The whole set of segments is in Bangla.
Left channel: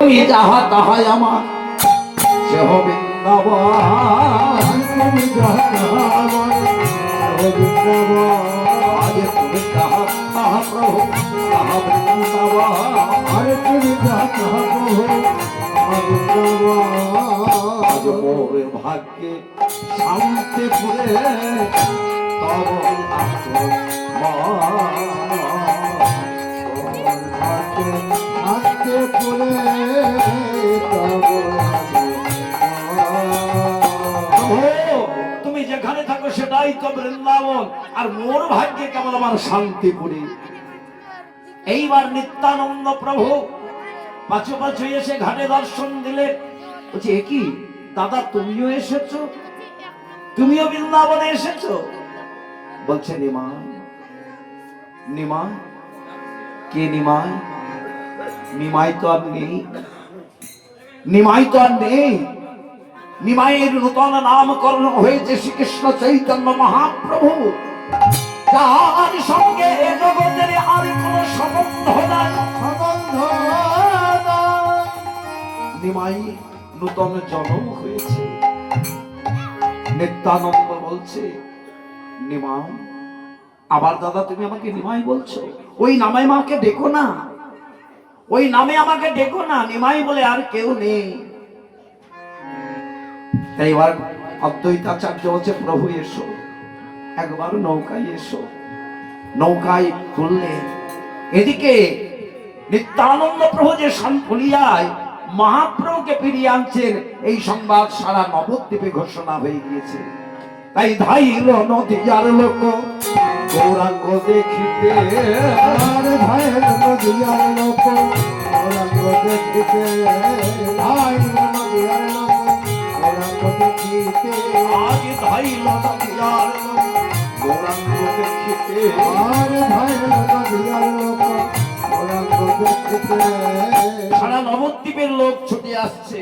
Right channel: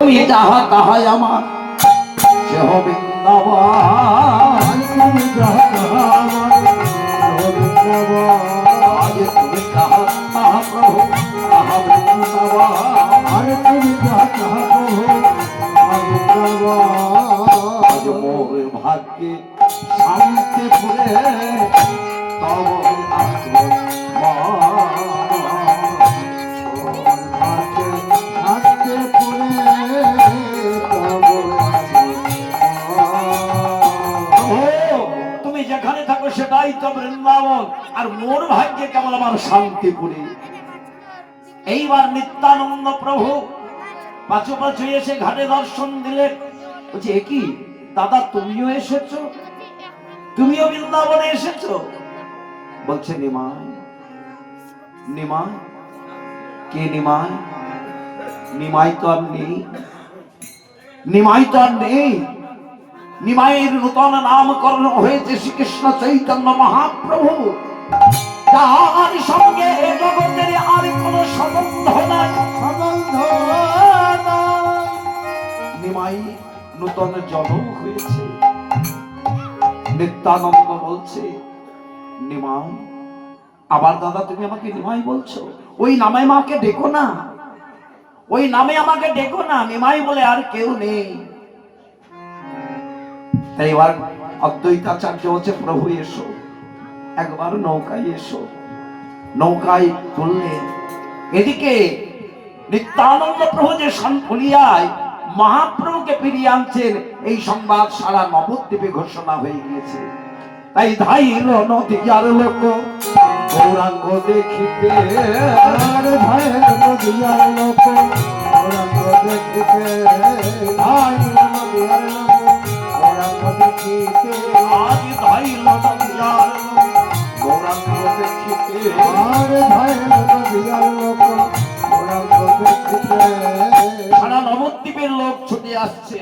তুমি যাহা তাহাই আমার সেহ বৃন্দাবন, তুমি যাহা তাহা আমার সেহ বৃন্দাবন, আরে তুমি যাহা তাহা প্রভু তাহা বৃন্দাবন, আরে তুমি যাহা তাহা প্রভু তাহা বৃন্দাবন। আজ মোর ভাগ্যে শান্তি ফুলে তব আছে তুমি যেখানে থাকো সেটাই তো বৃন্দাবন, আর মোর ভাগ্যে কেমন আমার শান্তিপুরী। এইবার নিত্যানন্দ প্রভু পাঁচু পাঁচু এসে ঘাটে দর্শন দিলেন। বলছে কি দাদা তুমিও এসেছো, তুমিও বৃন্দাবনে এসেছো? বলছে নিমাই। নিমাই কে? নিমাই? নিমাই তো আর নেই, নিমাই তো আর নেই। নিমাইয়ের নূতন নামকরণ হয়েছে শ্রীকৃষ্ণ চৈতন্য মহাপ্রভু, যার সঙ্গে এ জগতের আর কোন সম্বন্ধ নাই। নিমাই নূতন জন্ম হয়েছে। নিত্যানন্দ বলছে নিমাই। আবার দাদা তুমি আমাকে নিমাই বলছো? ওই নামে আমাকে ডেকো না, ওই নামে আমাকে ডেকো না। নিমাই বলে আর কেউ নেই। এইবার অদ্বৈতাচার্য বলছে প্রভু এসো, একবার নৌকায় এসো। নৌকায় তুললে এদিকে নিত্যানন্দ প্রভু যে সনফুলিয়ায় মহাপ্রভুকে ফিরিয়ে আনছেন, এই সংবাদ সারা নবদ্বীপে ঘোষণা হয়ে গিয়েছে। তাই ধাইল নদীয়ার লোক গৌরাঙ্গ দেখিতে, ধাইল নদীয়ার লোক গৌরাঙ্গ দেখিতে, ধাইল নদীয়ার লোক গৌরাঙ্গ দেখিতে, আজ ধাইল নদীয়ার লোক গৌরাঙ্গ দেখিতে, আর ধাইল নদীয়ার লোক গৌরাঙ্গ দেখিতে। সারা নবদ্বীপের লোক ছুটে আসছে।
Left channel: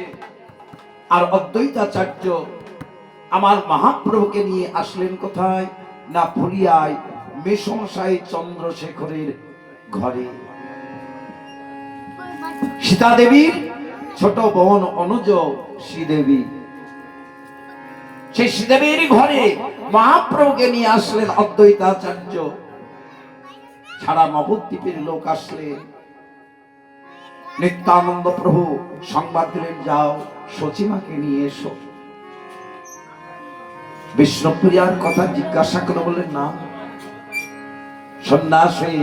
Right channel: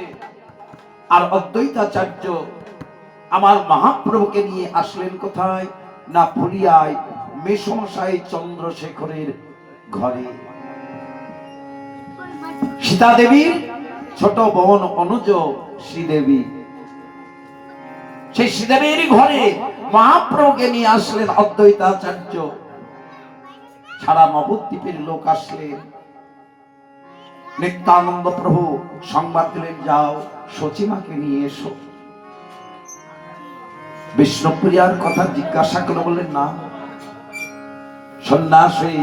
আর অদ্বৈতাচার্য আমার মহাপ্রভুকে নিয়ে আসলেন কোথায় না? ফুলিয়ায় মেসমশাই চন্দ্রশেখরের ঘরে। সীতা দেবীর ছোট বোন অনুজ শ্রীদেবী, সেই শ্রীদেবীর ঘরে মহাপ্রভুকে নিয়ে আসলেন অদ্বৈতাচার্য। সারা নবদ্বীপের লোক আসলেন। নিত্যানন্দ প্রভু সংবাদ দিলেন যাও সচিমাকে নিয়ে এসো। বিষ্ণুপ্রিয়ার কথা জিজ্ঞাসা করে বললেন না, সন্ন্যাসী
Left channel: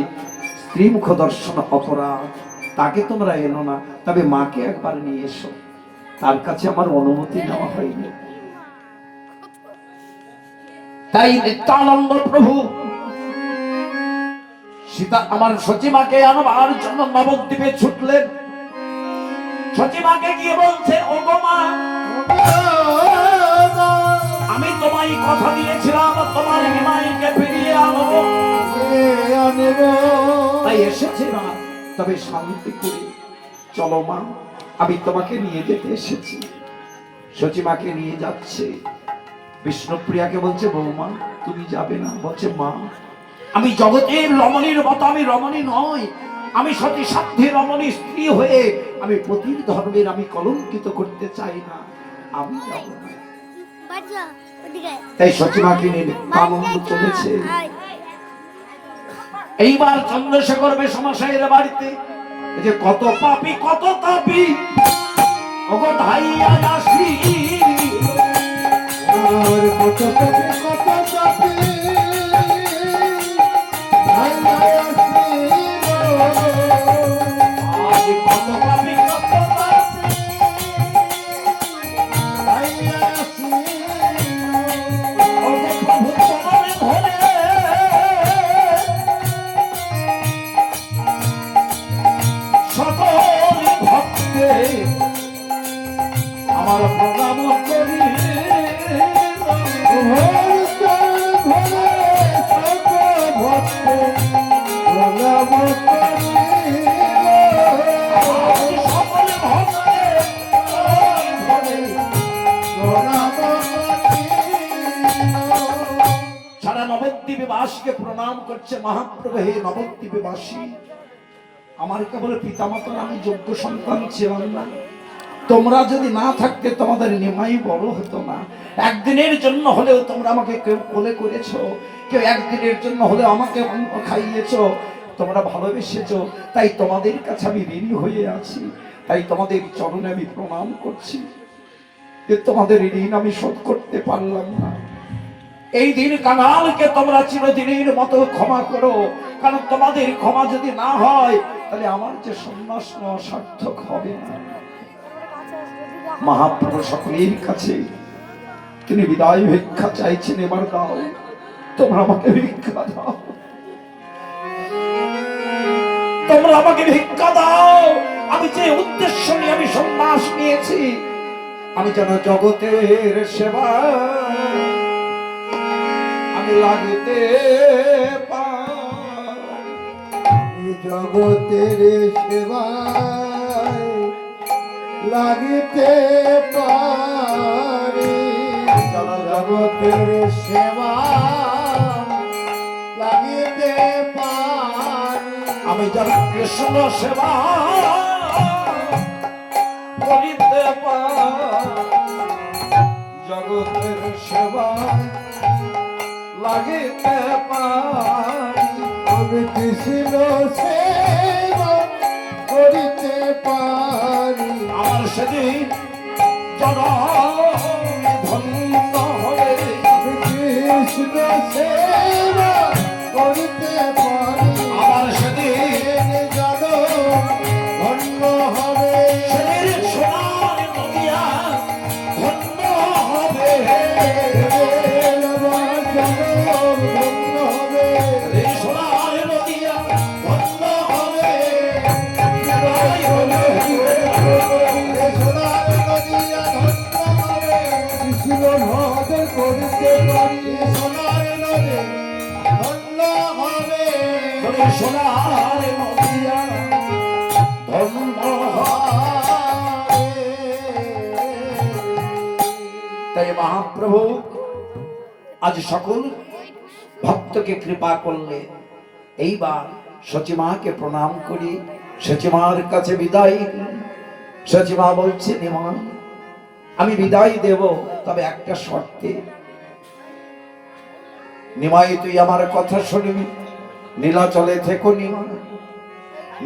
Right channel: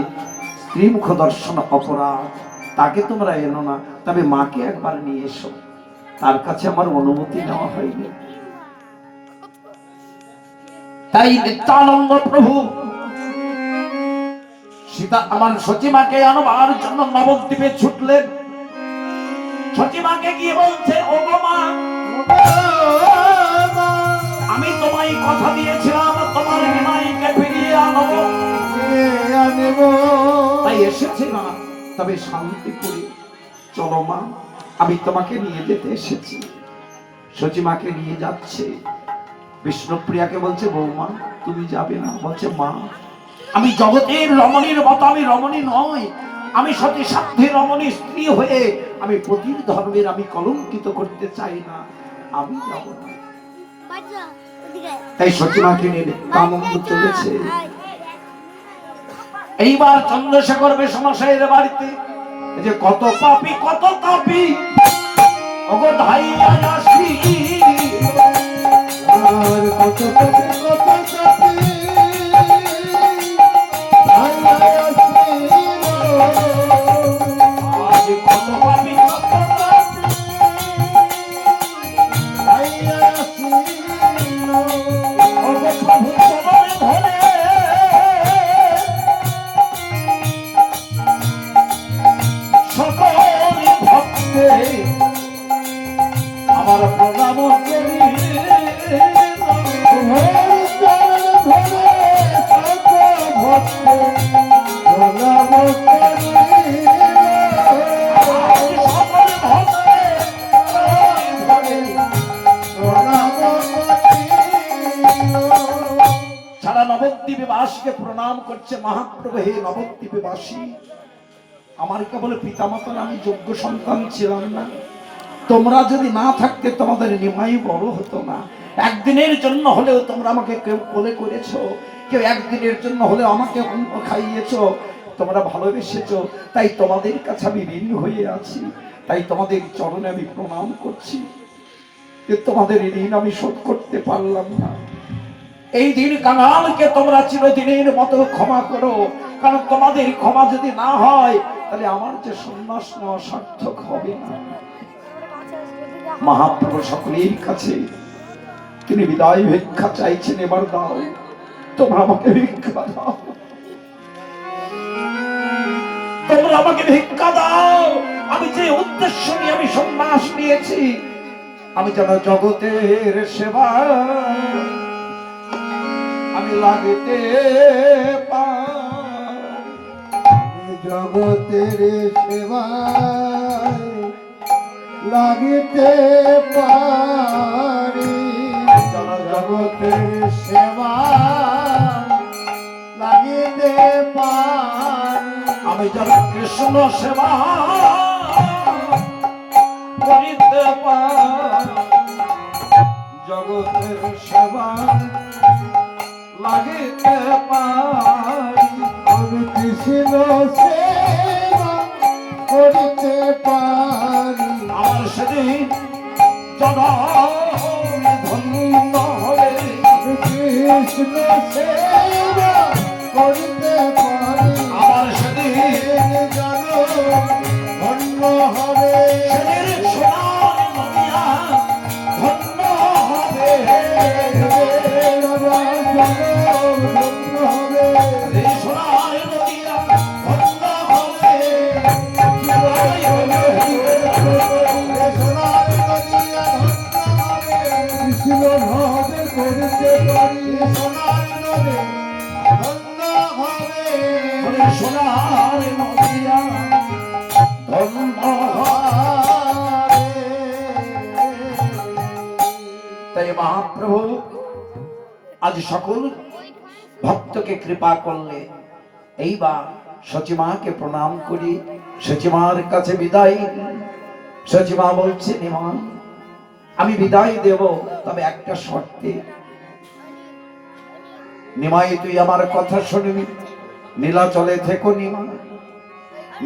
স্ত্রী মুখ দর্শন অপরাধ, তাকে তোমরা এনো না, তবে মাকে একবার নিয়ে এসো। তার কাছে আমার অনুমতি নেওয়া হয়নি। তাই নিত্যানন্দ প্রভু সীতা আমার সচিমাকে আনবার জন্য নবদ্বীপে ছুটলেন। সচিমাকে গিয়ে বলছে ওগো মা, আমি তোমায় কথা দিয়েছিলাম তোমার নিমাইকে ফিরিয়ে আনবো, তাই এসেছি না, তবে শান্তি করে চলো মা, আমি তোমাকে নিয়ে যেতে এসেছি। সচিমাকে নিয়ে যাচ্ছে। বিষ্ণুপ্রিয়াকে বলছে বৌমা তুমি যাবে না? বলছে মা আমি জগতের রমণীর মতো আমি রমণী নয়, আমি সতী সাধ্যে রমণী স্ত্রী হয়ে আমি পতির ধর্মের আমি কলঙ্কিত করতে চাই না, আমি যাব না। তাই সচিমাকে নিয়ে আনন্দ চলেছে। এইবার চন্দ্রশেখর মেসমশাইয়ের বাড়িতে যে কত পাপী কত তাপী, ওগো ধাইয়া আসি কত পাপী কত তাপী, আজ কত পাপী কত তাপী, ওগো প্রভু চরণে ধরে সকল ভক্তে আমার প্রণাম করি, সারা নবদ্বীপবাসীকে প্রণাম করছে মহাপ্রভু। হে নবদ্বীপবাসী, আমার কেবল পিতামাতার আমি যোগ্য সন্তান ছিলাম না। তোমরা যদি না থাকতে তোমাদের নিমাই বড় হতো না। একদিনের জন্য হলেও তোমরা আমাকে কেউ কোলে করেছো, কেউ একদিনের জন্য হলেও আমাকে খাইয়েছো, তোমরা ভালোবেসেছো। তাই তোমাদের কাছে আমি ঋণী হয়ে আছি। তাই তোমাদের চরণে আমি প্রণাম করছি যে তোমাদের ঋণ আমি শোধ করতে পারলাম না। এই দিন কাঙালকে তোমরা চিরদিনের মতো ক্ষমা করো, কারণ তোমাদের ক্ষমা যদি না হয় তাহলে আমার যে সন্ন্যাস নেওয়া সার্থক হবে না। মহাপ্রভু সকলের কাছে তিনি বিদায় ভিক্ষা চাইছেন, এবার দাও, তোমরা আমাকে ভিক্ষা দাও, তোমরা আমাকে ভিক্ষা দাও। আমি যে উদ্দেশ্য নিয়ে আমি সন্ন্যাস নিয়েছি, আমি যেন জগতের সেবা আমি লাগতে পারি, জগতের সেবায় লাগিতে পারি, জগতের সেবা লাগিতে পারি। আমি যেন কৃষ্ণ সেবা করিতে পারি, জগতের সেবা লাগিতে পারি। আমি কৃষ্ণ সেবা করিতে পারি। আমার সেদিন ধন্য হয়ে কৃষ্ণ সেবা করিতে পারি। আমার সেদিন ধন্য হবে, সেদিন সোনার নদিয়া ধন্য হবে, ধন্য হবে, এই সোনার নদিয়া ধন্য হবে। কৃষ্ণ ভাবে করিতে পারি, সোনার নদে ধন্য হবে, সোনার নদিয়া ধন্য হবে। তাই মহাপ্রভু আজ সকল ভক্তকে কৃপা করলে। এইবার সচিমাকে প্রণাম করি, সচিমার কাছে বিদায়। সচিমা বলছে, নিমাই আমি বিদায় দেব, তবে একটা শর্তে। নিমাই তুই আমার কথা শুনবি, নীলাচলে থেকো নিমাই,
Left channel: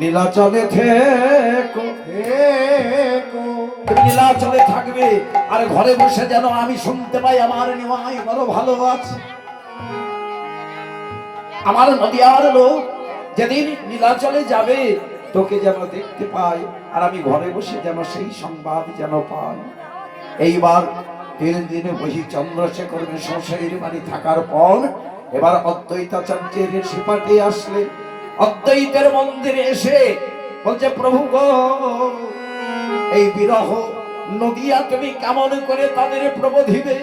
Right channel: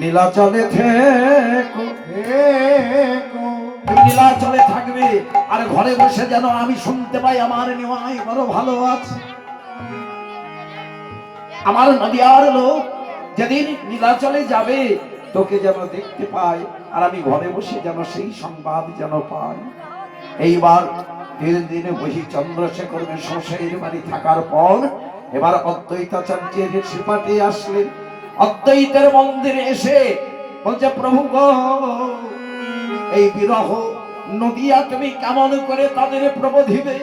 নীলাচলে থেকো, তুমি নীলাচলে থাকবে। আর ঘরে বসে যেন আমি শুনতে পাই আমার নিমাই বড় ভালো আছে। আমার নদিয়ার লোক যেদিন নীলাচলে যাবে তোকে যেন দেখতে পাই, আর আমি ঘরে বসে যেন সেই সংবাদ যেন পাই। এইবার 3 দিনে বহি চন্দ্রশেখর শ্বশুরের বাড়ি থাকার পর এবার অদ্বৈতাচার্যের সিপাটি আসলে। অদ্বৈতের মন্দিরে এসে বলছে, প্রভু গো, এই বিরহ নদিয়া তুমি কেমন করে তাদের প্রবোধিবে?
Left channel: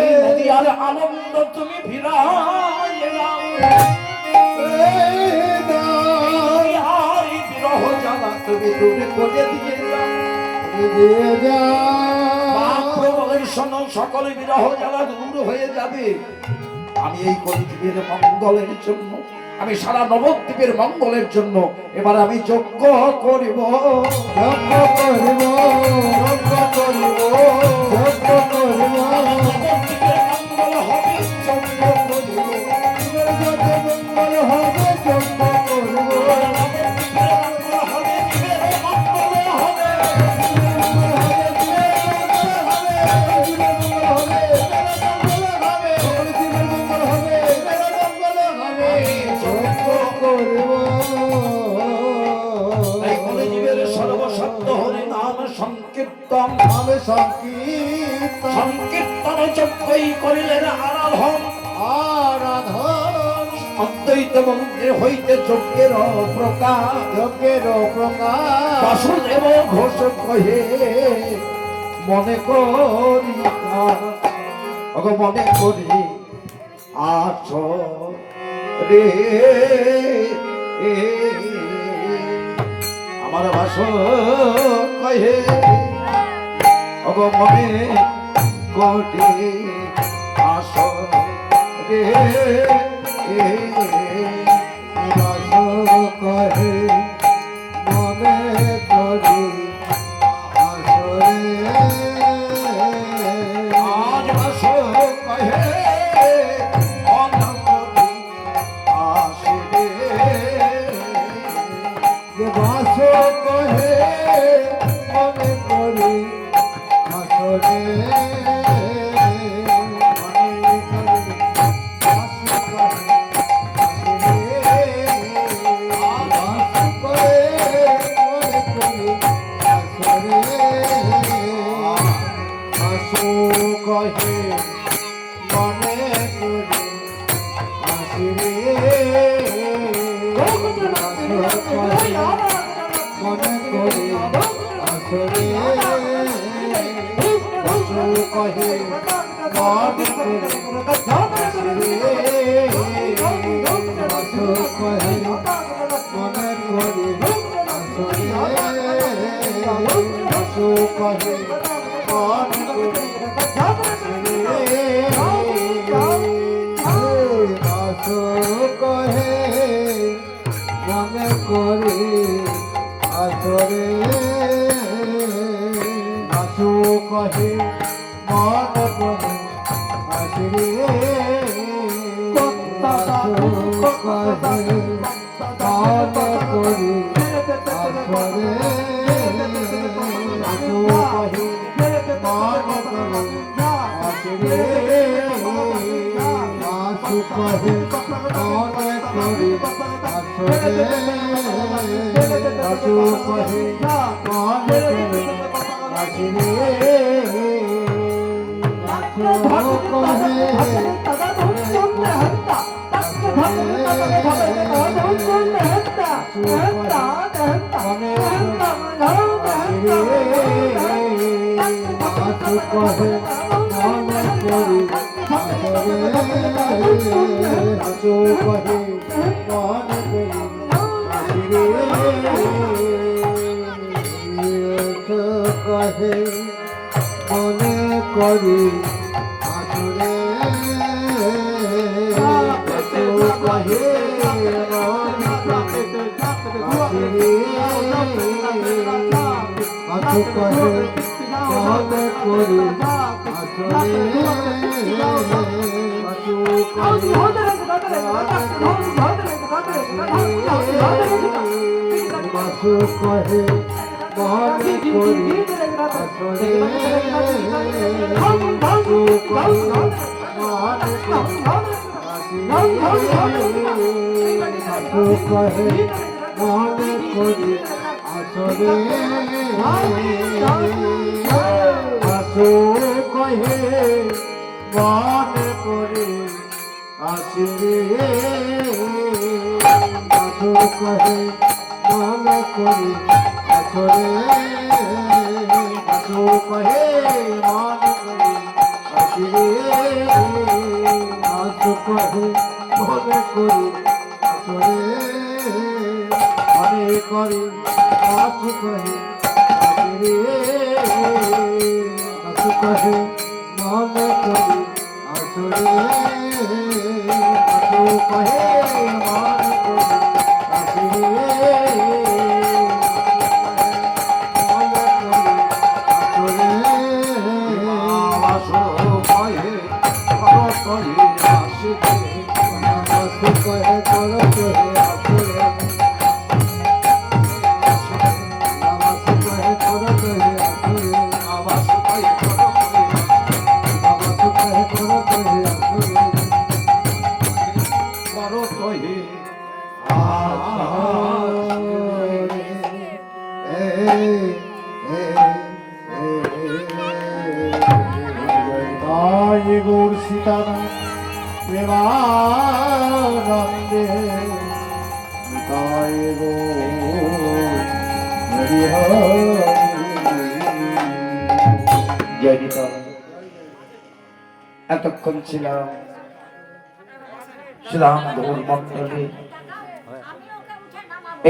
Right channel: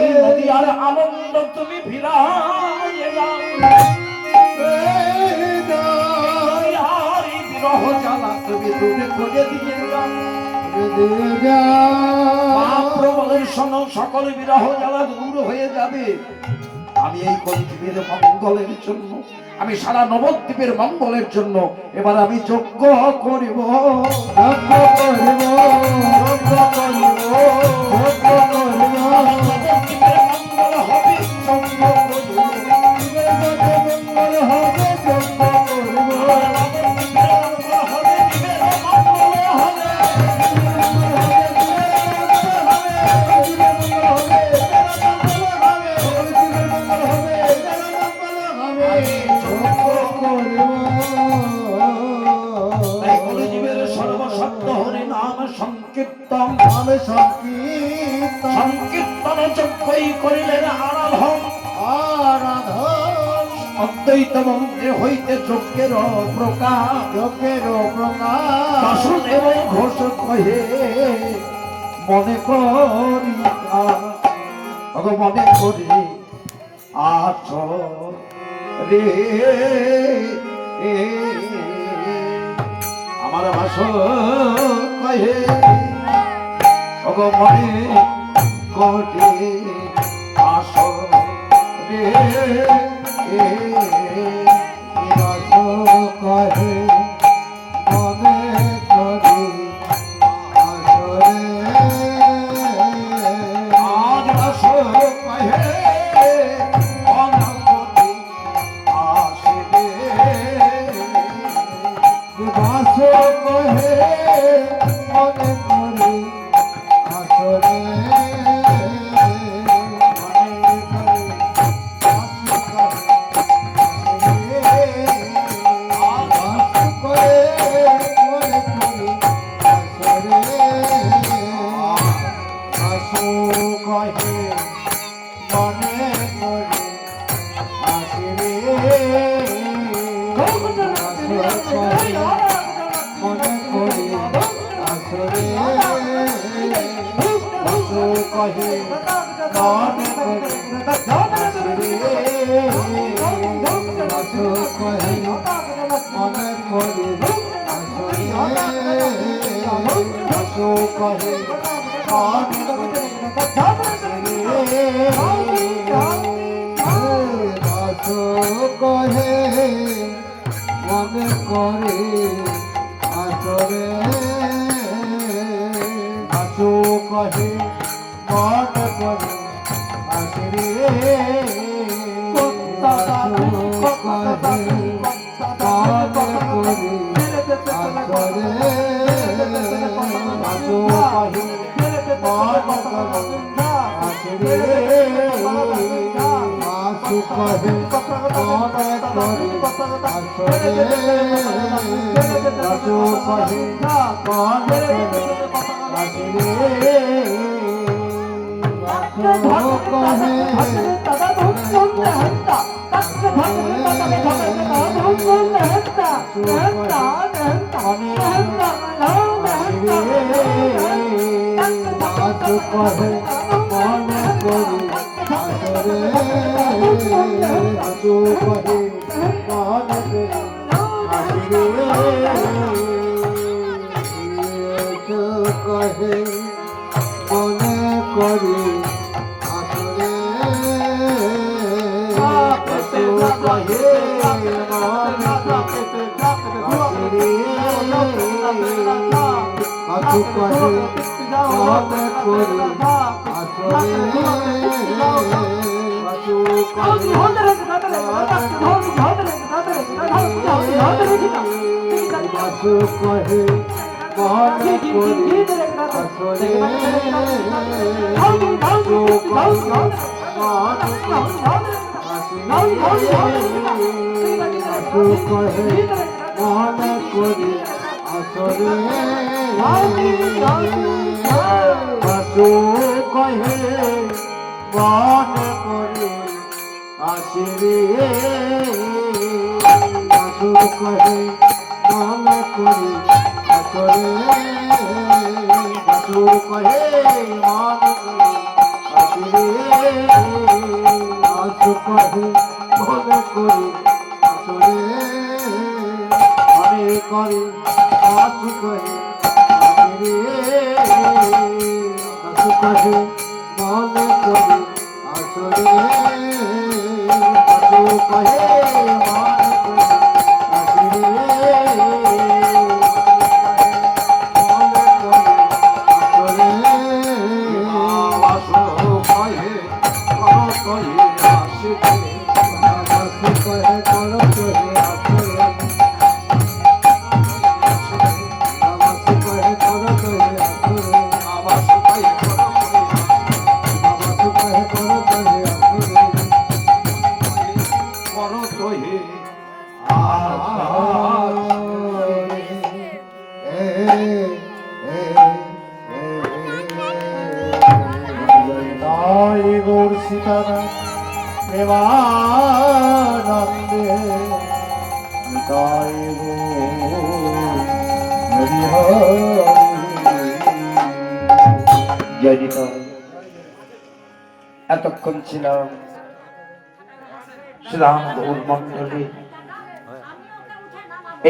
এই নদিয়ার আনন্দ তুমি ফিরাইয়ে দাও। এই বিরহ জানা তুমি দূরে করে দিয়ে যাও। শোনো, সকল বিরহ জ্বালা দূর হয়ে যাবে। আমি এই কলিযুগের মঙ্গলের জন্য, আমি সারা নবদ্বীপের মঙ্গলের জন্য এবার আমি যজ্ঞ করিব, যজ্ঞ করিব, যজ্ঞ করিব, যজ্ঞ করিব। নবদ্বীপের মঙ্গল হবে, যজ্ঞ করিব, মঙ্গল হবে, যজ্ঞ করিব। সংকীর্তন সংকীর্তন যজ্ঞই করিলেন আরাধন, আরাধন। অদ্বৈত মন্দির হইতে যজ্ঞের প্রকাশ, যজ্ঞের প্রকাশ। বাসুদেব ঘোষ কহে মনে করি, মনে করি আছ রে আমার বাস কহে, মনে করি আস রে কহে মনে করি আসরে আজ আসো কহে অনবরত আসবে বাস কহে মনে করি আসরে মনে করে আসরে আসু কহে মন করে আসরে আসু কহে মন করে আসরে আসু কহে মন করে আসরে আসু কহে মন করে আসরে আসু কহে মন করে কহে মনে করি আসরে কহে আসু কহে মনে করি আসরে আসু কহে আসু কহে মনে করি আসরে আসু কহে মনে করি আসু কহে মনে করি আসরে আসু কহে মনে করি আসরে আসু কহে মনে করি আসরে আসু কহে মনে করি আসরে আসু কহে মনে করি আসরে মনে করি আসু কহে আসরে আসু কহে মনে করি আসরে আসু কহে মনে করি আসরে গৌর সীতারাম প্রেমানন্দে তাই হরি হরি জয় নিতাই। এতক্ষণ ছিলাম শ্রীরাম গৌর মন্ডলে,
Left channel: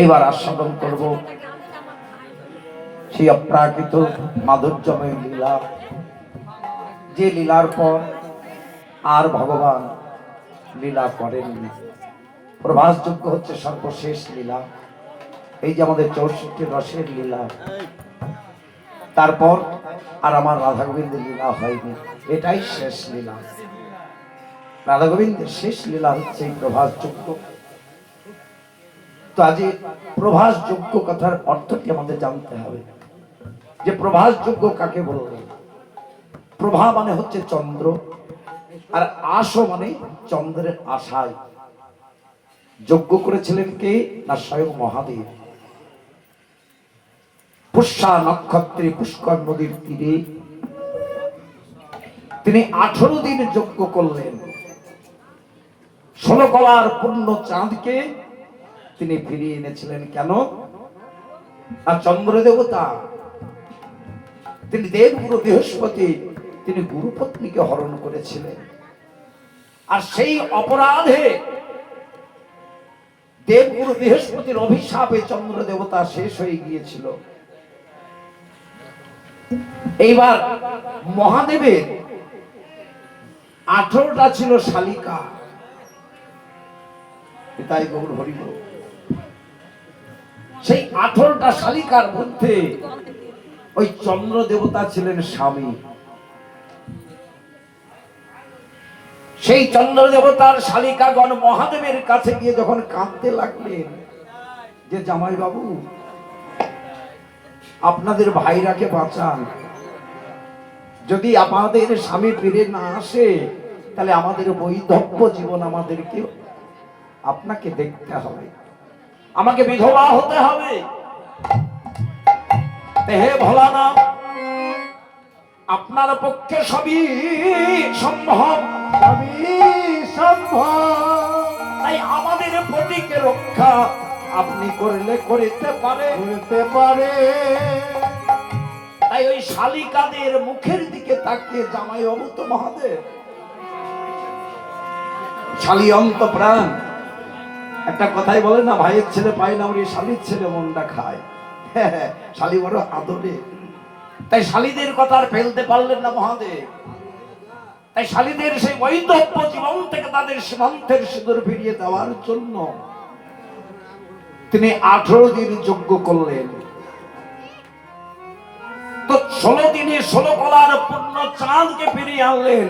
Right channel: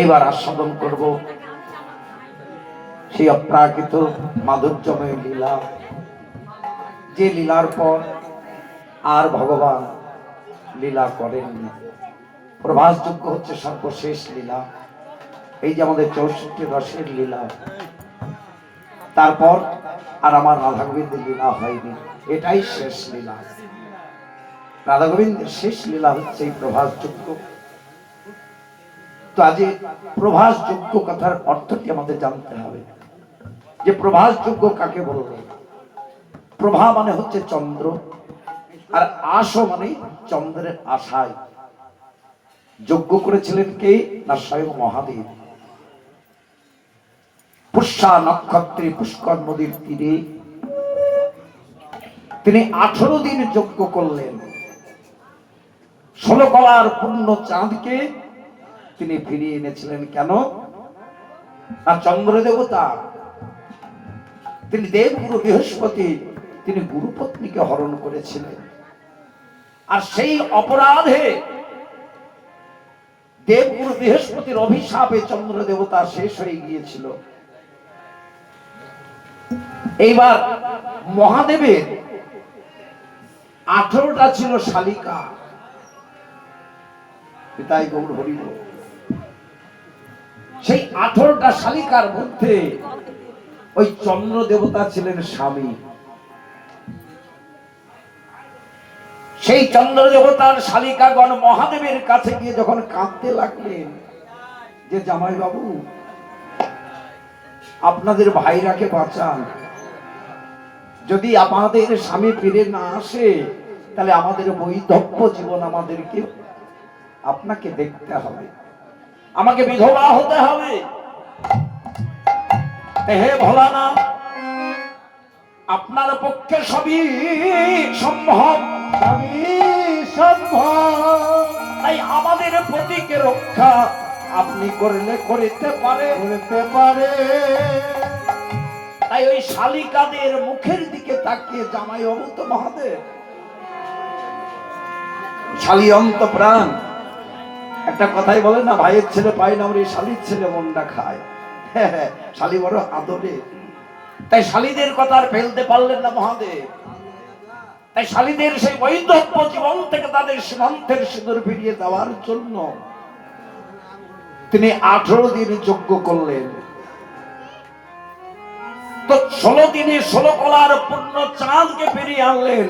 এইবার আস্বাদন করব সেই অপ্রাকৃত মাধুর্যময় লীলা, যে লীলার পর আর ভগবান লীলা করেননি। প্রভাস যজ্ঞ হচ্ছে সর্বশেষ লীলা। এই যে আমাদের 64 রসের লীলা, তারপর আর আমার রাধা গোবিন্দের লীলা হয়নি, এটাই শেষ লীলা। রাধা গোবিন্দের শেষ লীলা হচ্ছে এই প্রভাস যজ্ঞ। তো আজ প্রভাস যজ্ঞ কথার অর্থটি আমাদের জানতে হবে, যে প্রভাস যজ্ঞ কাকে বলবে। প্রভা মানে হচ্ছে চন্দ্র, আর আশ মানে চন্দ্রের আশায়। যজ্ঞ করেছিলেন কে? না স্বয়ং মহাদেব। পুষ্যা নক্ষত্রে পুষ্কর নদীর তীরে তিনি 18 দিন যজ্ঞ করলেন। 16 কলার পূর্ণ চাঁদকে তিনি ফিরিয়ে এনেছিলেন। কেন? আর চন্দ্র দেবতা, তিনি দেবগুরু বৃহস্পতি, তিনি গুরুপত্নীকে হরণ করেছিলেন। আর সেই অপরাধে দেবগুরু বৃহস্পতির অভিশাপে চন্দ্র দেবতা শেষ হয়ে গিয়েছিল। এইবার মহাদেবের 18টা ছিল শালিকা। পিতাই গৌর হরি বল। সেই 18টা শালিকার মধ্যে ওই চন্দ্র দেবতা ছিলেন স্বামী। সেই চন্দ্র দেবতার শালিকাগণ মহাদেবের কাছে গিয়ে যখন কাঁদতে লাগলেন যে জামাই বাবু, আপনাদের ভাইরাকে বাঁচান, যদি আমাদের স্বামী ফিরে না আসে তাহলে আমাদের বৈধব্য জীবন আমাদেরকে আপনাকে দেখতে হবে, আমাকে বিধবা হতে হবে। হে ভোলানাথ, আপনার পক্ষে সবই সম্ভব, তাই আমাদের পতিকে রক্ষা আপনি করলে করতে পারে। তাই ওই শালিকাদের মুখের দিকে তাকিয়ে জামাই বাবু তো মহাদেব, শালি অন্ত প্রাণ। একটা কথাই বলে না, ভাইয়ের ছেলে পায় না, ওই শালির ছেলে মনটা খায়। শালি বড় আদরে, তাই শালিদের কথা আর ফেলতে পারলেন না মহাদেব। তাই শালিদের সেই বৈধব্য জীবন থেকে তাদের সীমান্তের সিঁদুর ফিরিয়ে দেওয়ার জন্য তিনি 18 দিন যজ্ঞ করলেন। তো 16 দিনে 16 কলার পূর্ণ চাঁদকে ফিরিয়ে আনলেন।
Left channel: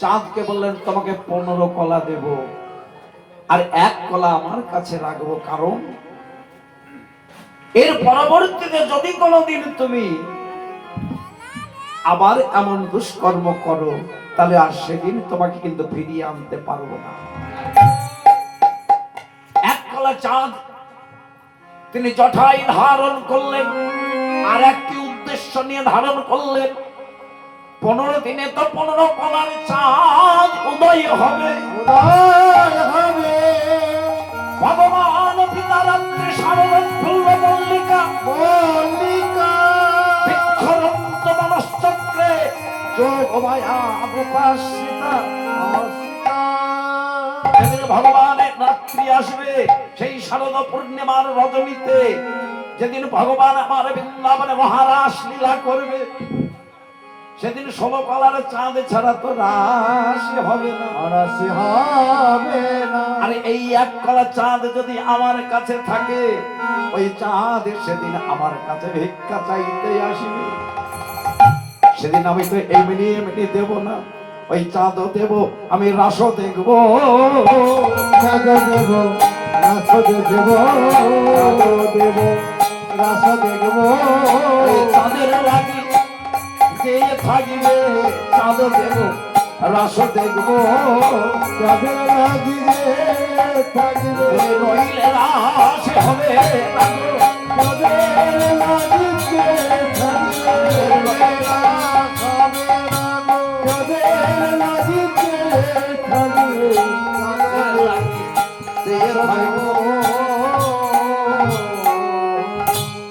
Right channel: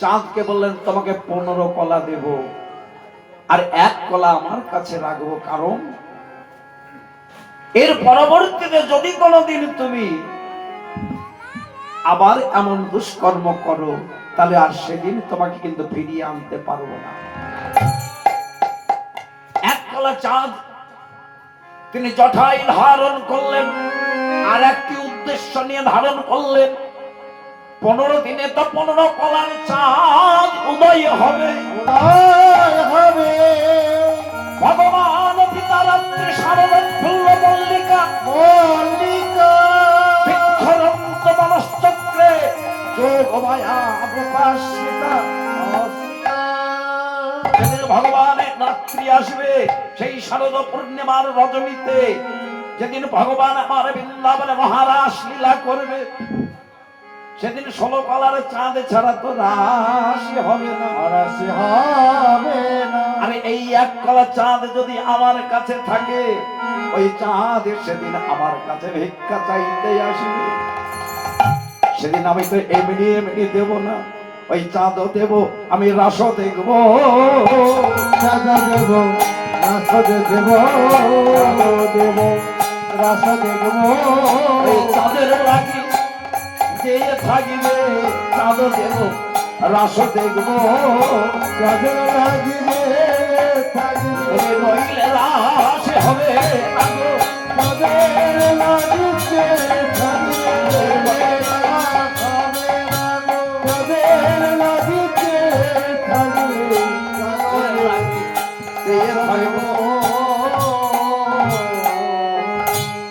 চাঁদকে বললেন তোমাকে 15 কলা দেব, আর 1 কলা আমার কাছে রাখবো, কারণ এর পরবর্তীতে যদি কোনোদিন তুমি আবার এমন দুষ্কর্ম করো তাহলে আর সেদিন তোমাকে কিন্তু ফিরিয়ে আনতে পারবো না। 1 কলা চাঁদ তিনি জটায় ধারণ করলেন, আর একটি উদ্দেশ্য নিয়ে ধারণ করলেন। 15 দিনে তো 15 কলার চাঁদ উদয় হবে। ভগবান পিতা রাত্রে শারদ ফুল্ল মল্লিকা বৃক্ষরন্ত বনশ্চক্রে যোগমায়া উপাসিতা। যেদিন ভগবানের রাত্রি আসবে, সেই শারদ পূর্ণিমার রজনীতে, যেদিন ভগবান আমার বৃন্দাবনে মহারাস লীলা করবে, সেদিন 16 কলার চাঁদ ছাড়া তো রাস হবে না। আর এই 1 কলা চাঁদ যদি আমার কাছে থাকে, ওই চাঁদ সেদিন আমার কাছে ভিক্ষা চাইতে আসবে। সেদিন আমি তো এমনি এমনি দেব না, ওই চাঁদও দেব, আমি রাসও দেখবো, ওই চাঁদের লাগি যে থাকিবে, চাঁদ দেব, রাস দেখবো, নইলে রাস হবে।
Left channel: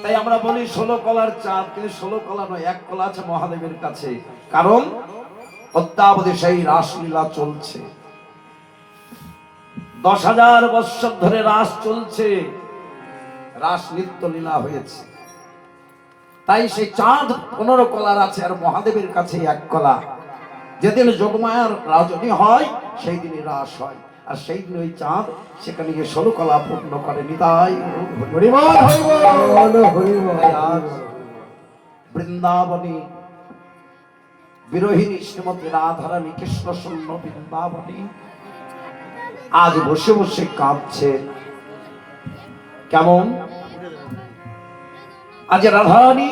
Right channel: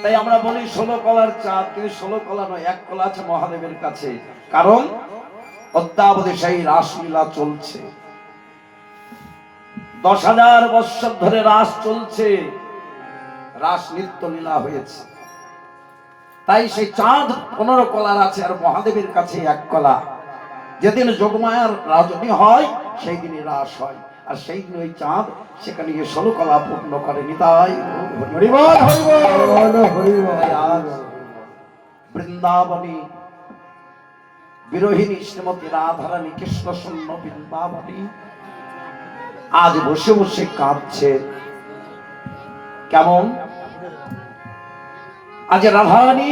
তাই আমরা বলি 16 কলার চাঁদ, কিন্তু 16 কলা নয়, 1 কলা আছে মহাদেবের কাছে। কারণ অদ্যাবধি সেই রাসলীলা চলছে, 10,000 বৎসর ধরে রাস চলছে, রাস নিত্য লীলা হয়েছে। তাই সেই চাঁদ 15 কলার আছে, আর মহাদেবের কাছে 1 কলা। যেদিন যোগমায়ার রাজনী হয় সেই দিনই রাস হয়। আর সেই দিন ওই চাঁদ সেখানে গিয়ে 16 কলা পূর্ণ করেনি। তাই হরিবল হরিবল হরিবল আজ বৃন্দাবনী বিরোহিনী শ্রীমতী রাধারানী কৃষ্ণ শূন্য বৃন্দাবনী আজ বসে বসে কাঁদছে। কেমন? আজ রাধারানী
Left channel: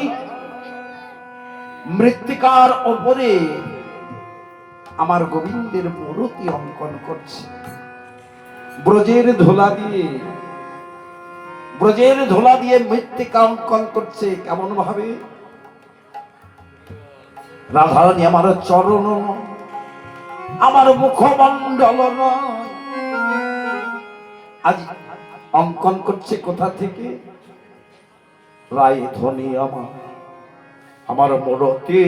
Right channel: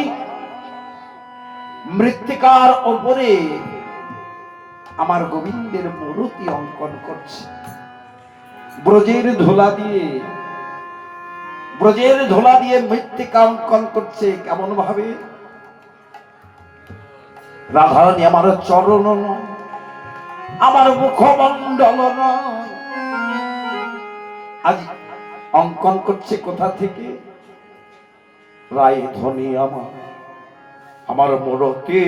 মৃত্তিকার ওপরে আমার গোবিন্দের মূর্তি অঙ্কন করছে, ব্রজের ধুলা দিয়ে মৃত্তিকা অঙ্কন করছে। কেমন ভাবে? রাধারানী আমার চরণ নয়, আমার মুখমণ্ডল নয়, আজ অঙ্কন করছে কোথা থেকে? রায় ধ্বনি আমার মূরতি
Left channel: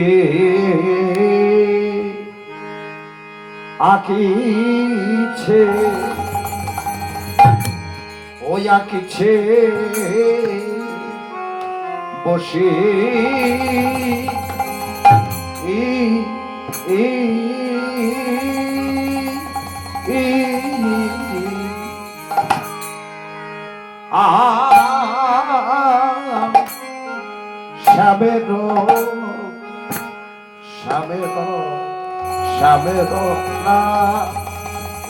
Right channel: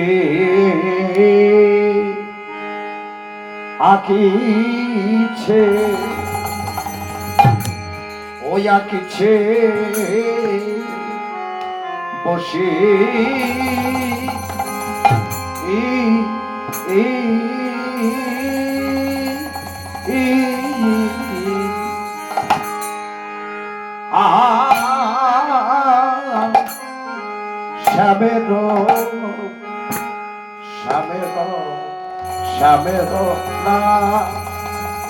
আঁকিছে, ওই আঁকিছে বসে শ্যামের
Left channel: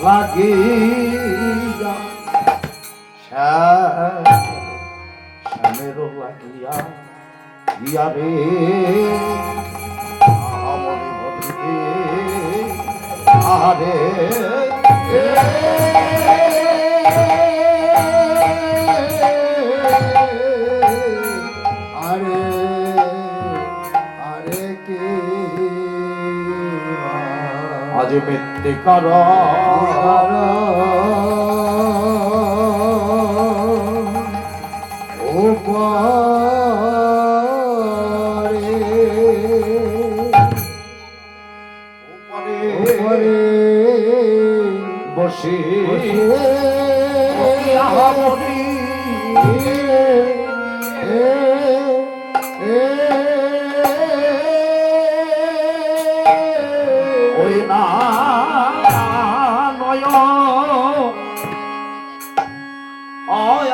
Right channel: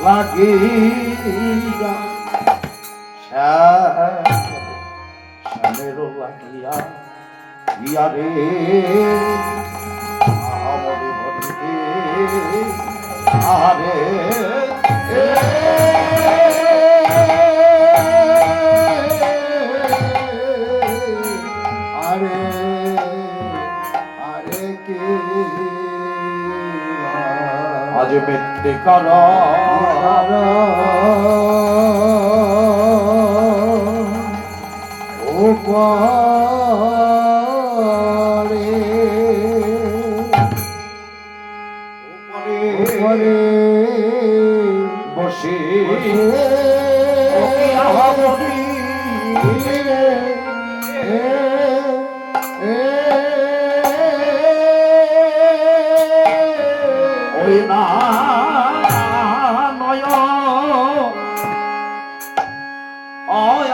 লাগিয়া শ্যামের লাগিয়া ইয়ারে আরে আরে আরে কে আজ মিথ্যে কর ও বসে ওই না নয়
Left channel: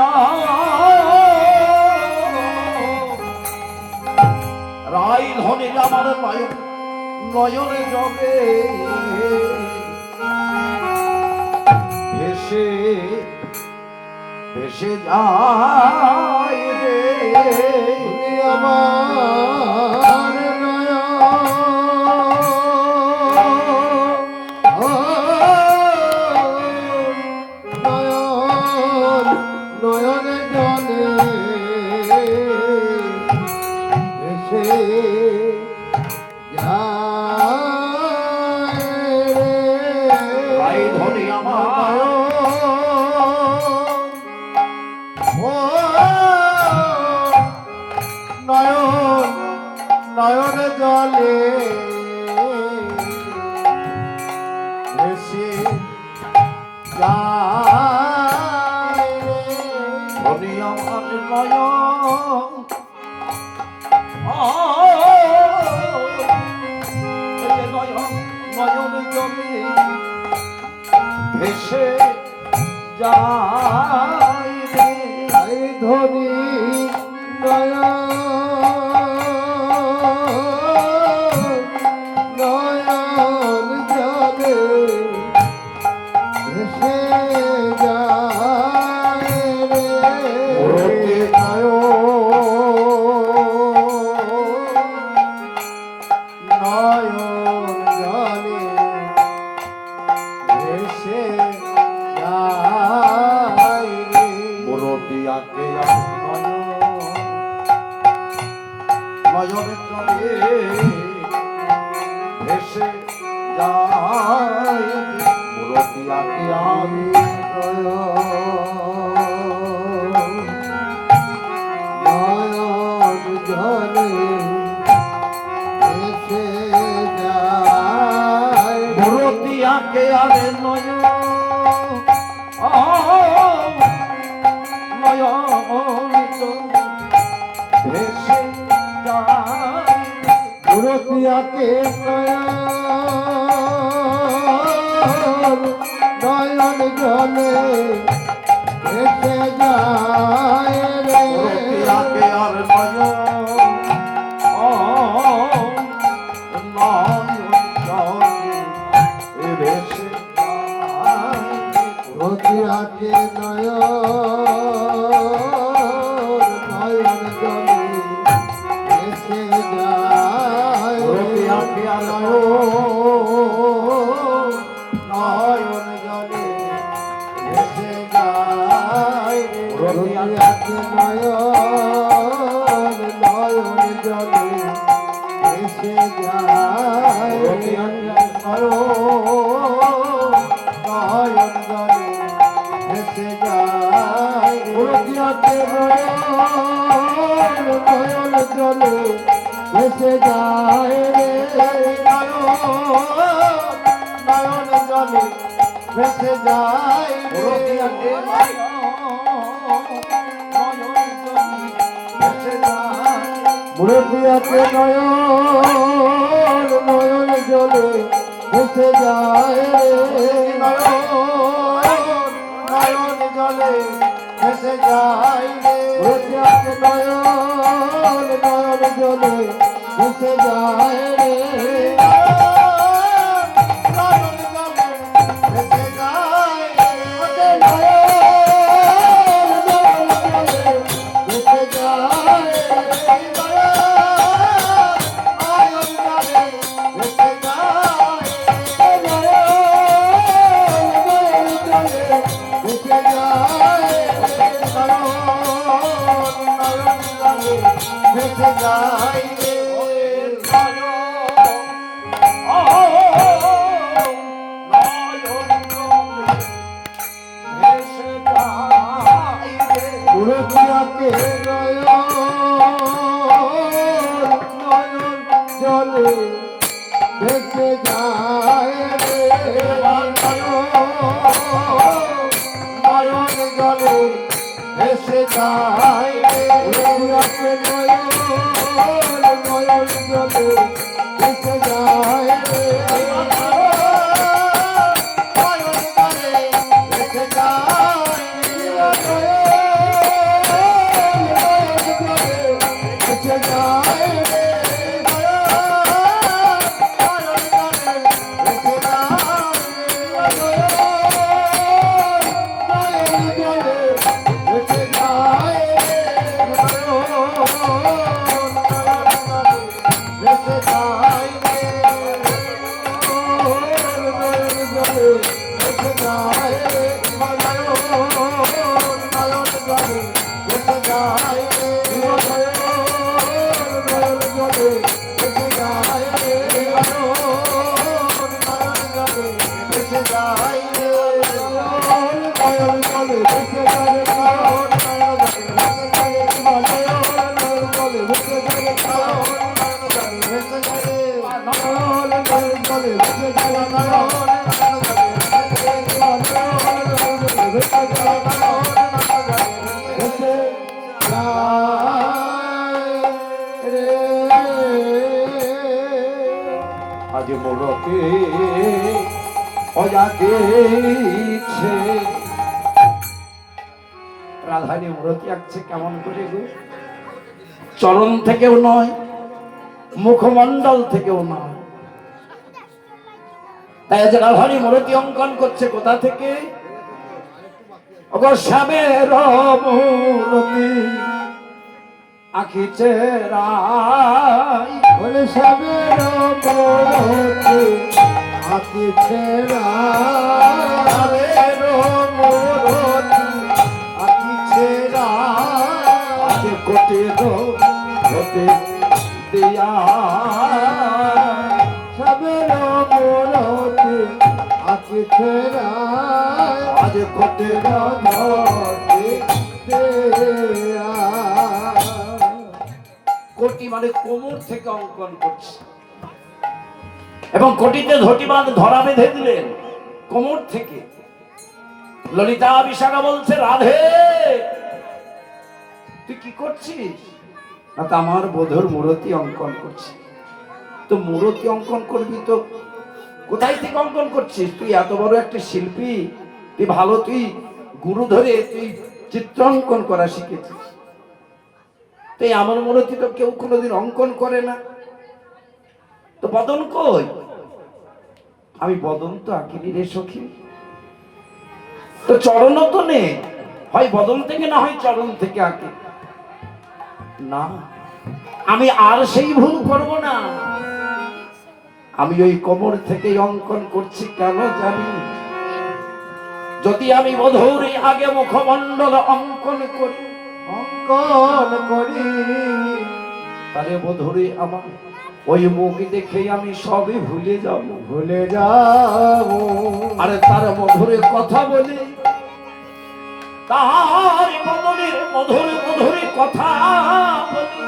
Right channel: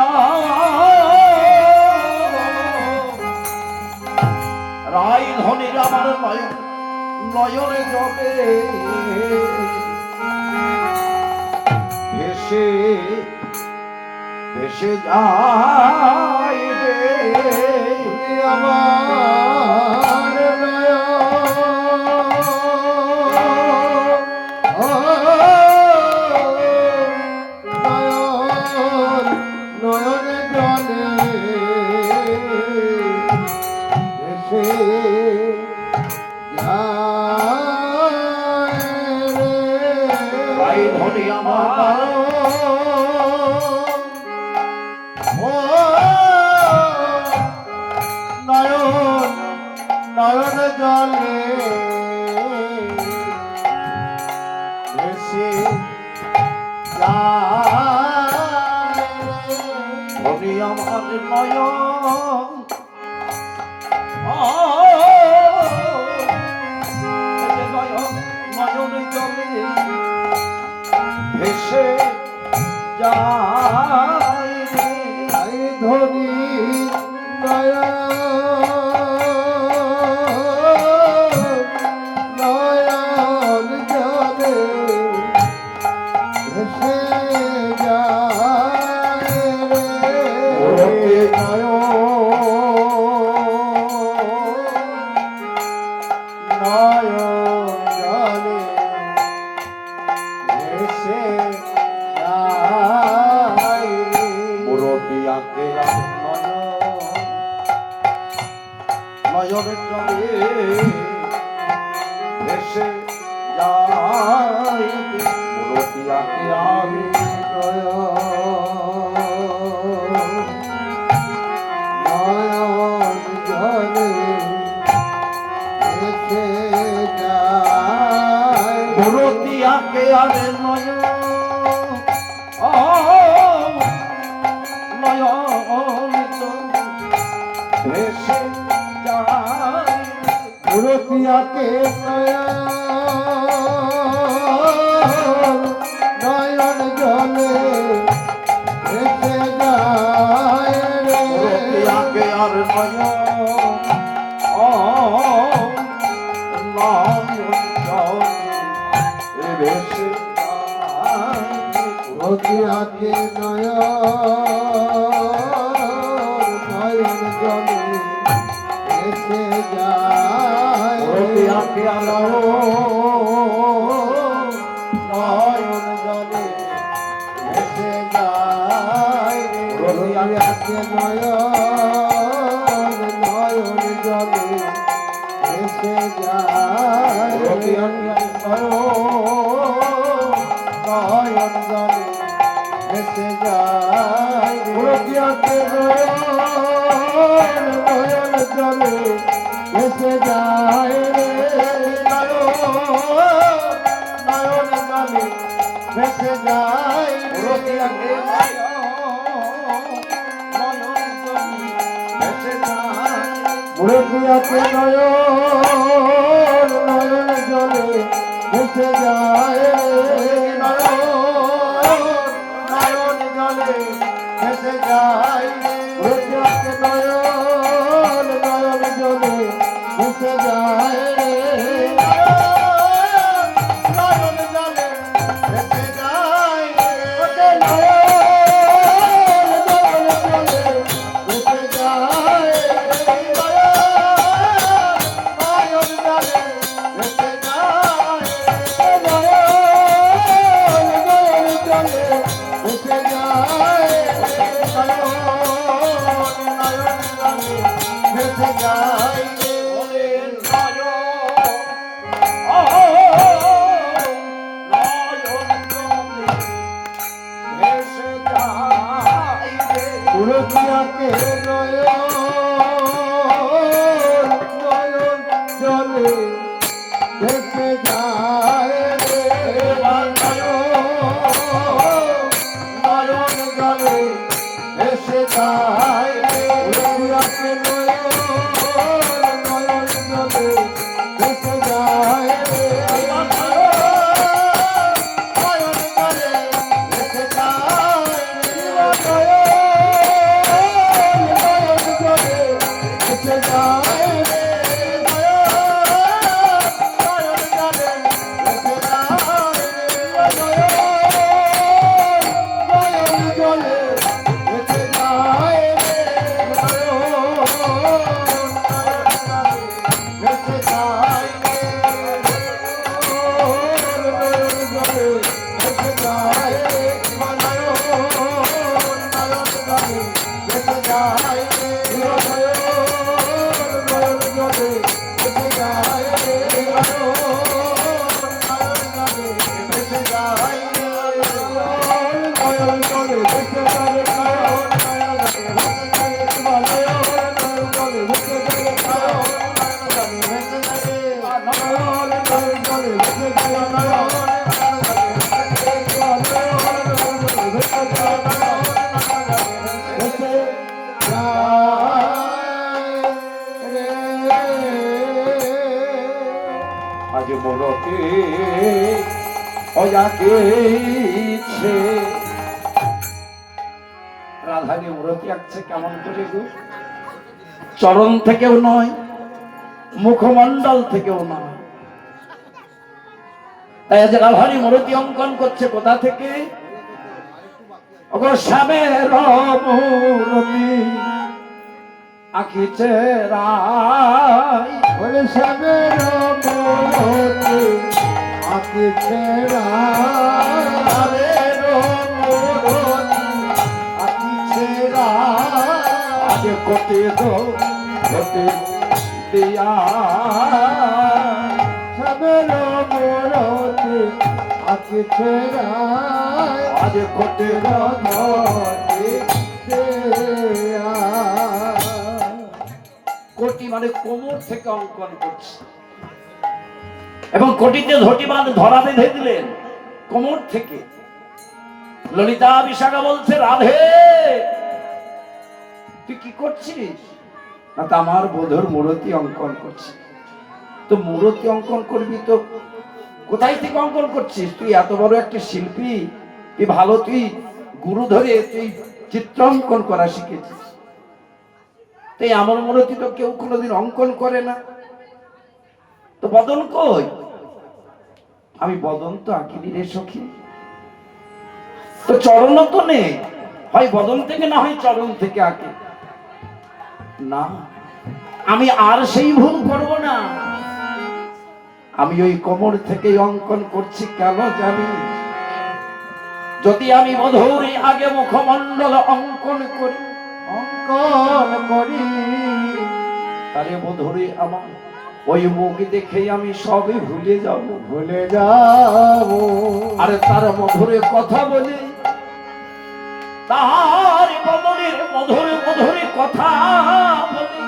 রাই ধনির আমার নয়নে জলে ভেসে ভেসে যায় রে আমার নয়ন জলে এসে রাই ধনি আমার নয়ন জলে এসে ধনি আমার নয়ন নয়নে জলে ভেসে যায় রে ধরি নয়ন জলে ভেসে যায় রে নয়ন জলে ভেসে যায় রে মুরব্বিয়াকে নয়নে জলে ভেসে যায় মুরব্বিয়াকে আমি নয়ন জলে ভেসে যায় মুরব্বিয়াকে আমি নয়ন ভেসে যায় গুরুপিয়াকে নয়ন জলে ভেসে যায় রতিয়াকে আর নয় ভেসে রতিয়াকে নয়ন জলে ভেসে যায় রতিয়াকে আর নয়ন জলে ভেসে যায় রতিয়াকে নয়ন জলে ভেসে যায় নয়ন জলে ভেসে যায় রতিয়াকে নয়ন জলে ভেসে যায় নয়ন জলে ভেসে যায় রতিয়াকে মুরব্বিয়াকে নয়ন জলে ভেসে যায় নয়ন জলে ভেসে যায় মুরব্বিয়াকে নয়ন জলে ভেসে যায় নয়ন জলে ভেসে যায় রতিয়াকে নয়ন জলে ভেসে যায় নয়ন জলে ভেসে যায় রতিয়াকে নয়ন জলে ভেসে যায় আজ মোরকে অজাকে ইচ্ছে রাধানী মূরতি আঁকছে কেমন করে গো? চরণ থেকেও নয়, মুখমণ্ডল থেকেও নয়। তাই আজ রাধানী মূরতি অঙ্কন করছে কোথা থেকে? শ্যামের মূরতি আঁকিছে রাই, শ্যামের মূরতি আঁকিছে রাই, আঁকিছে রাই। আজ কোটি কোটি দিয়া শ্যামের মূরতি আঁকিছে রাই, আজ কোটি কোটি মানে কোমর থেকে অঙ্কন করছে এবং কোটিতে ধটি বাঁধ ধরা বেঁধে দিলেন কোমর থেকে। ললিতা বিশাখা বলছে, রাধে তুই কি করছিস? না তো আমার বধূর মূরতি অঙ্কন করছি। তো মূরতি অঙ্কন করবি তো কোথায় থেকে অঙ্কন করছিস? তুই এত বড় একটা শিল্পী, তুই ভালো, তুই গুরু ধরে তুই চিত্রাঙ্কন করা শিখেছিস। তাই আমার মূর্তি তো কেউ কোনোদিন অঙ্কন করে না। তো বদন কই? আমি বদন তো আঁকিনি রে সখী। তো চরণ তো নেই, হয় বদন থেকে না হয় চরণ থেকে আঁকে না। আমি আর সেই ভুল করব না। আমি ওই কোমর থেকেই অঙ্কন করছি। কেন জানি? যদি আমি মধুরী আগে মুখমণ্ডল অঙ্কন করি তাহলে মধুরী আমার ওই মুখ দেখেই আমি সবই ভুলে যাব। আরে তার মধুরে কথা বলে, তার মধুরের মধুরে মধুরে কথা বলে,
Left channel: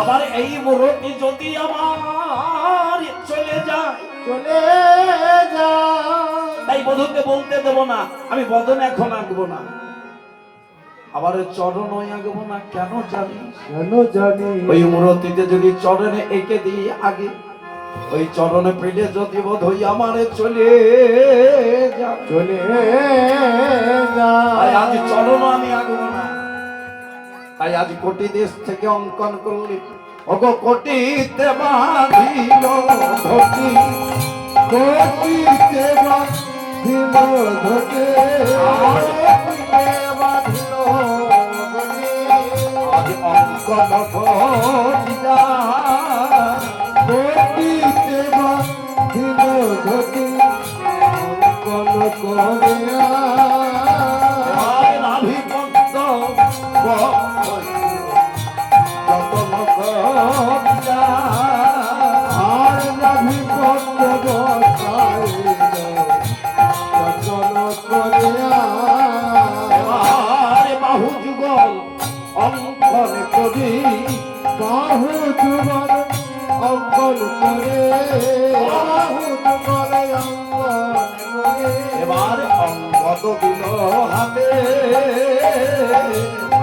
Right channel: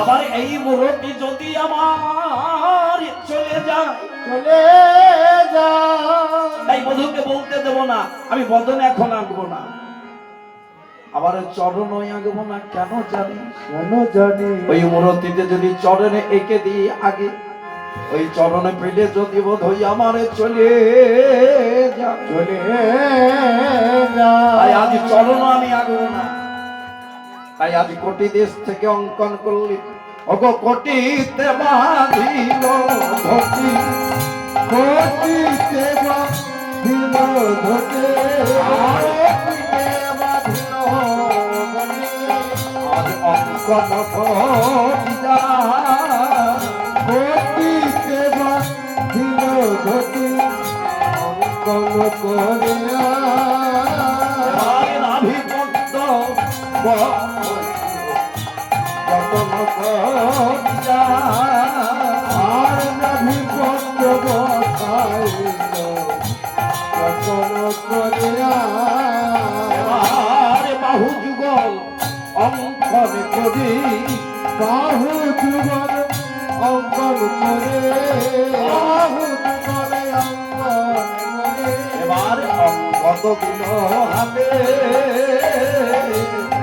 আবার এই মুহূর্তে যদি আমার চলে যায় তাই বধূকে বলতে দেব না আমি বদন এখন আঁকবো না, আবার চরণ আঁকবো না। কেন জানি? ওই মূর্তিতে যদি চরণে এঁকে দিই আগে, ওই চরণে পেলে যদি বোধ হই আমার চলে তাই আজ চরণ আমি আঁকবো না। তাই আজ কোটি দেশ থেকে অঙ্কন করলে ওগো কোটিতে বাঁধিল ঘটি, কোটিতে বাঁধিল ঘটি, আজ অঙ্কন করিয়া কোটিতে বাঁধিল ঘটি, অঙ্কন করিয়া নাভি পদ্ম বাহু যুগল অঙ্কন করি, বাহু যুগল অঙ্কন করে, এবার অঙ্কন দিল হাতে,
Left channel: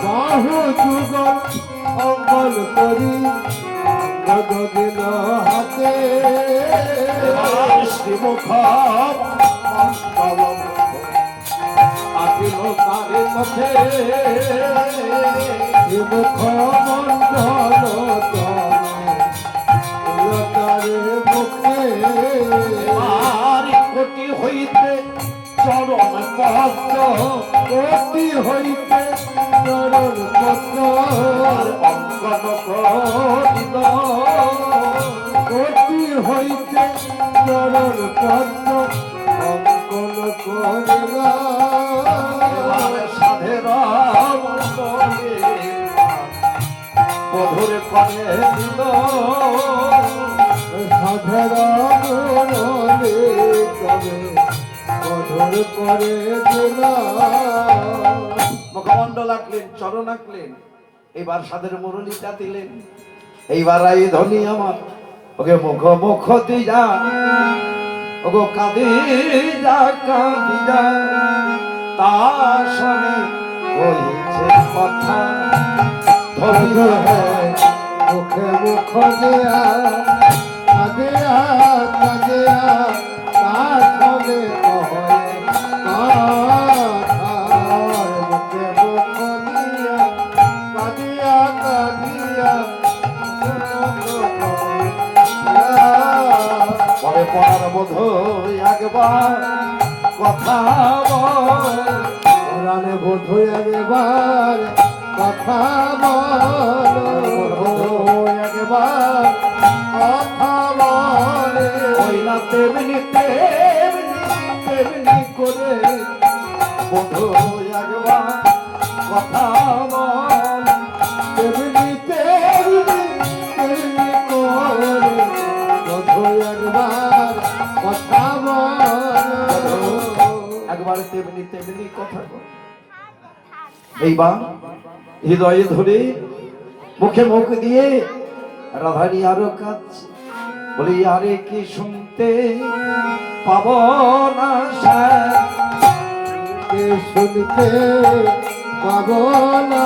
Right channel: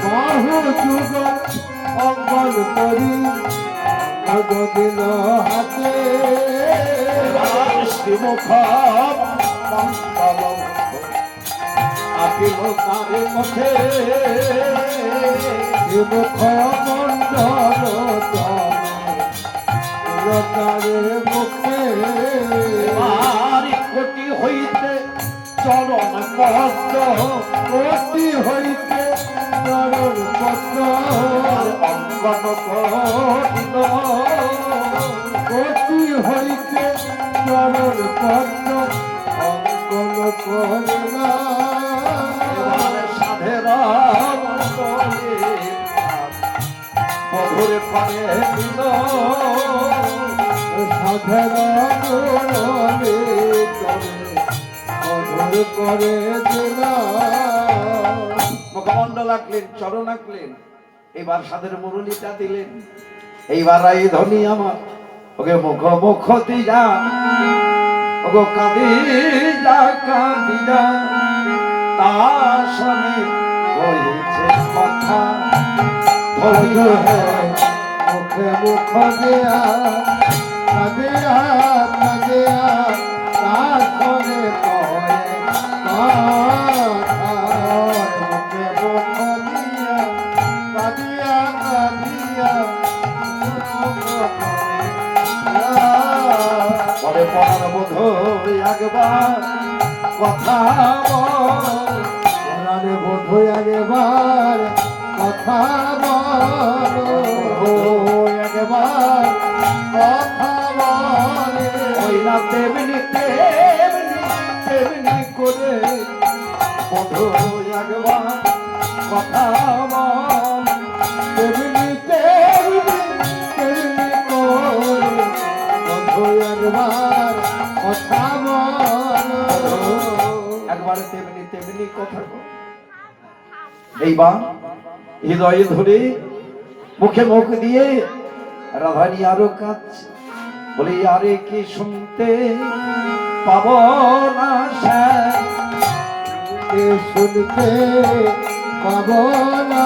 বাহু যুগল অঙ্কন করি দিল হাতে, শ্রীমুখ আপিল তারে মুখে, শ্রীমুখ মন্ডল তারে মুখে, কোটি হইতে চরণ পদ্ম, কোটি হইতে চরণ পদ্ম অঙ্কন করিল, কোটি হইতে চরণ পদ্ম অঙ্কন করিল, সাধেরা মধুর করে দিল, সাধেরা মধুর করে দিল। মুখমণ্ডল আঁকলেন, চরণ আঁকলেন, এবার সাধের মুরলিটা দিলেন। এইবার আই ধনী আমার ওকে মুখ দিয়া, ওগো কাঁদি যা তার সঙ্গে হয়েছে কথা, ধনী মুখে মুখ দিয়া কাঁদিয়া কাঁদিয়া তার সঙ্গে একবার কথা বল, বোধ একবার কথা বল, একবার কথা বল, না তেমনি তেমনি তেমনি করে বোধ একবার কথা বল, তেমনি তেমনি তেমনি করে বোধ একবার কথা একবার তেমনি তেমনি কথা। এইবার হৃদয়ে ধরে মুখে মুখ দিয়ে রাধানী আরো কাঁদছে, বলি আরে কি শুনতে পাব না, শুনতে পাব না,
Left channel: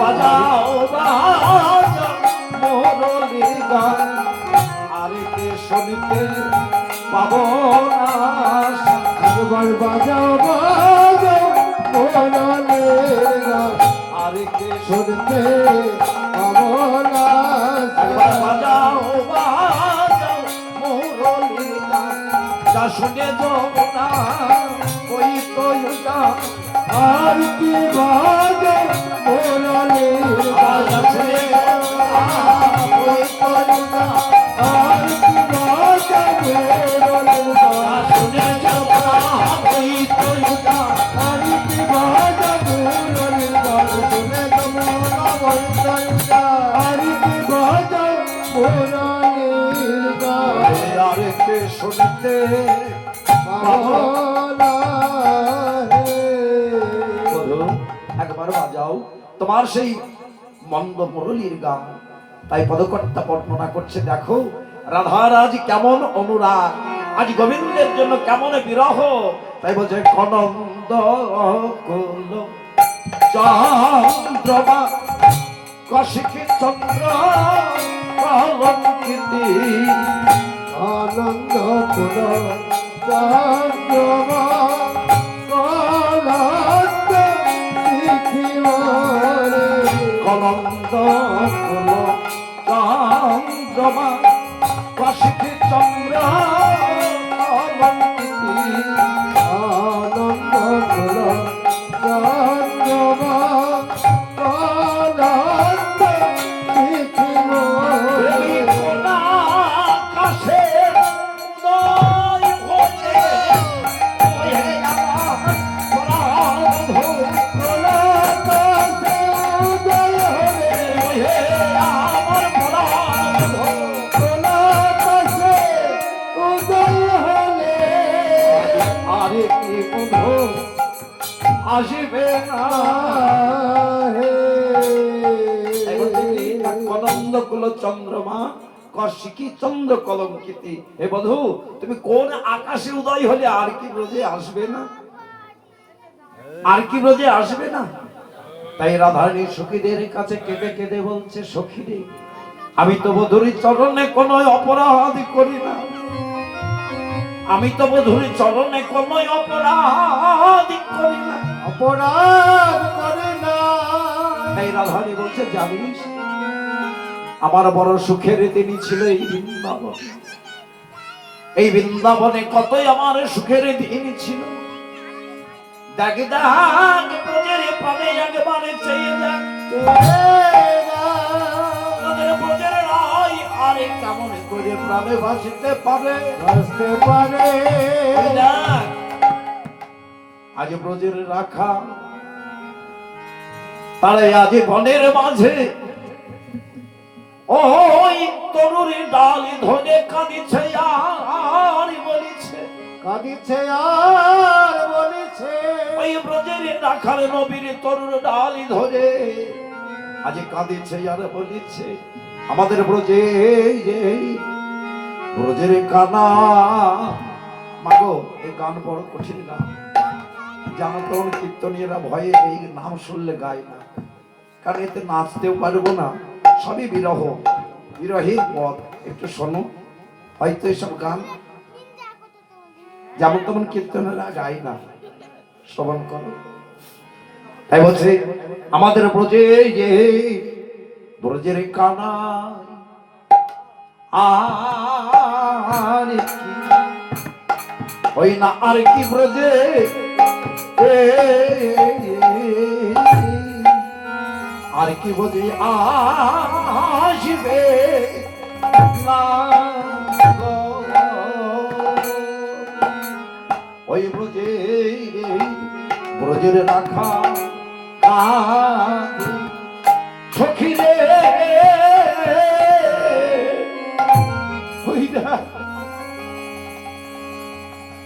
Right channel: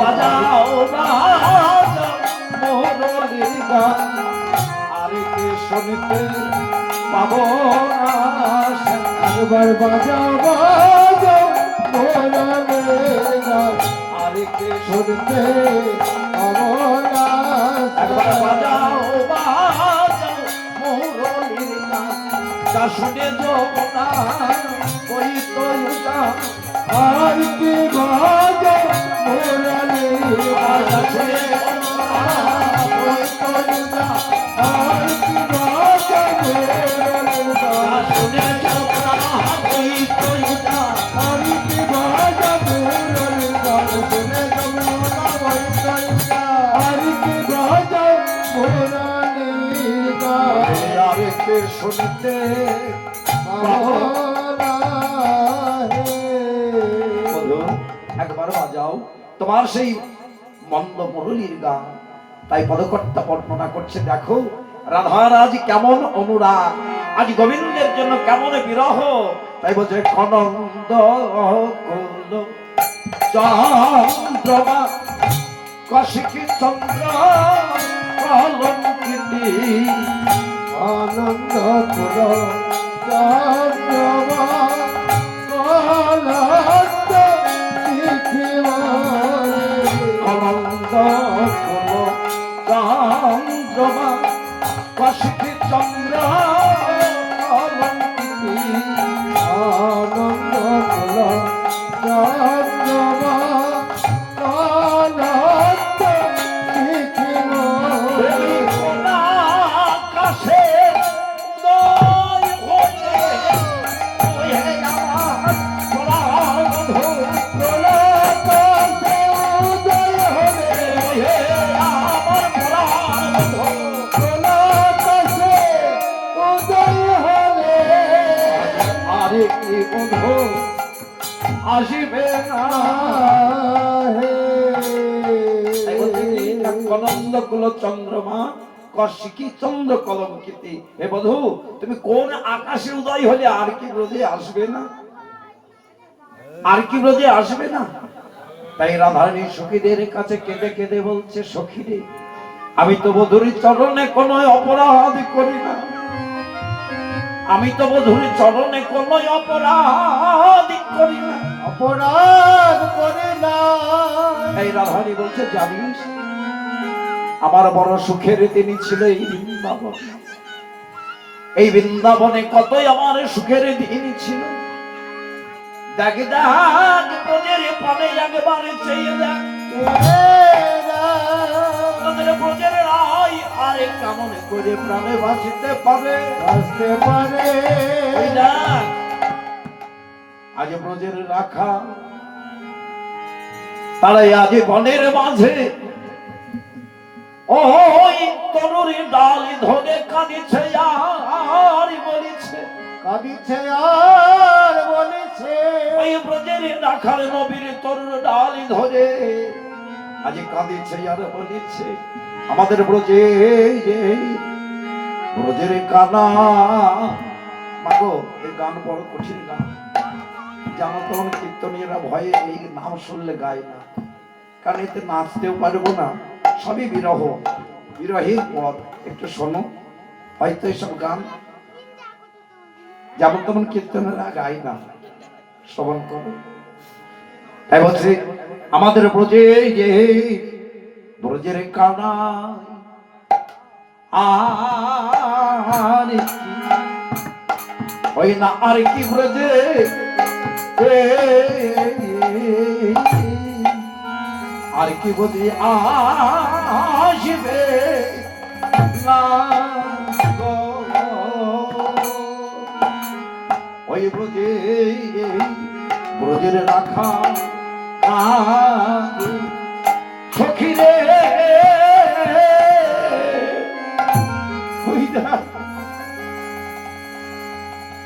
বাজাও বাজাও মোরের গান, আরে কি শুনতে পাব পাবো না একবার বাজাও বাজাও মোরালের গান আর কে শুনতে পাবো না একবার বাজাও বাজাও মুরলির গান যা শুনে যমুনা ওই তয়ুটা আর কি বাজাও মোরালের গান যা শুনে যমুনা ওই তয়ুটা আর কি বাজাও মোরালের যা গান শুনে যমুনা ওই তয়ুটা আর কি বাজাও মোরালের গান শুনে তোমরা বলছো আর কি বাজাও মোরালের গান আর কে শুনতে পাবো না বলো একবার বাজাও তোমার সেই মন্দ মুরলীর গান। তাই পদকর্তা বর্ণনা করছে, দেখো রাধার আজ কেমন অনুরাগ, আজ গোবিন্দের জন্য কেমন বিরহ। তাই বলছে কনন্দ কুল চন্দ্রমা কশিকি চন্দ্র কলঙ্কিনী আনন্দ পুর চন্দ্রমা কলস্ত দেখিবারে কনন্দ কুল চন্দ্রমা কশিকি চন্দ্র কলঙ্কিনী আনন্দ পুর চন্দ্রমা কলস্ত দেখিবারে আসিবে না কনন্দ কুল চন্দ্রমা কশিকি চন্দ্র কলঙ্কিতি। হে বধূ, তুমি কোন আকাশে উদয় হলে আর কি ব্রজে আসবে না? আর কি ব্রজে আসবে না? তাই রাধারানী সখীদের কাছে কেঁদে কেঁদে বলছে, সখীরে আমি তো বধূর চরণে কোনো অপরাধ করি না, আমি তো বধূর চরণে কোনো অপরাধ করি না। অপরাধ করে না এই রাধারানী বলছে, জানিস আমার বড় সুখের দিন ছিল এই বৃন্দাবন, এই বৃন্দাবনে কতই আমার সুখের দিন ছিল। দেখ দেখ ব্রজের প্রাণে একবারে চেয়ে দেখ, তোদের ব্রজের রায় আরে কেমন করে প্রাণে ভাসিতে পারে। আসতে পারে এই দেখ, আজ ব্রজের রাখা তারাই আজ বনের মাঝে ওই তরুণী ডাল ধরে কাঁদিছে আর বলিছে, কাঁদিছে আর বলেছে ওই ব্রজের রাখাল নবীর তরুণ ডাল ধরে আজ কাঁদিছে আর বলিছে, আমাদের ব্রজে ব্রজের কানা। মাগো, এই গান বড় কঠিন গান, জানো তো কীর্তনীয়রা ভয়ে এই নাম শুনলে গায় না, কারণ এতে নাচতেও পারবো না, সবই বিরহ, বিরহী পথ। একটু শোনো, হয়তো এসব গান যেমন তেমন কীর্তনেরা গায় না, শ্রবণ করো। তাই বলছে আমাদের ব্রজে যে ব্রজের কানা আর কি, ওই না আর কি ব্রজে আর কি ব্রজে আসবে না গো। ওই ব্রজে ব্রজের রাখা সখীরে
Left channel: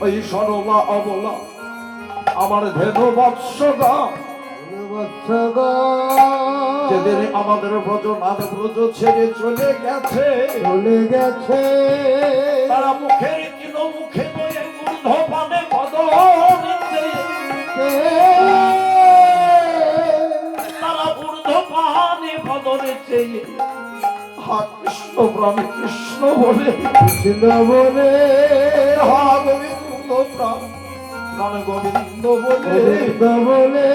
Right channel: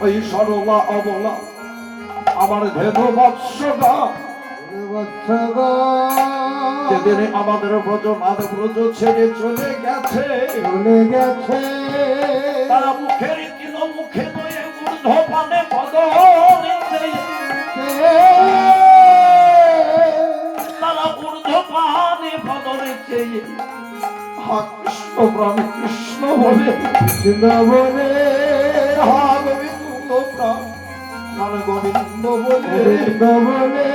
ওই সরলা অবলা আমার ধেনু বৎসগা, যেদিন আমাদের ব্রজনাথ ব্রজ ছেড়ে চলে গেছে, চলে গেছে তারা মুখের তিন মুখে নয়ে ঊর্ধ্ব পানে বদন তারা ঊর্ধ্ব পানে বদনে চেয়ে হা কৃষ্ণ প্রাণ কৃষ্ণ বলে কৃষ্ণ বলে হা গোবিন্দ প্রাণ প্রাণ গোবিন্দ বলে গোবিন্দ বলে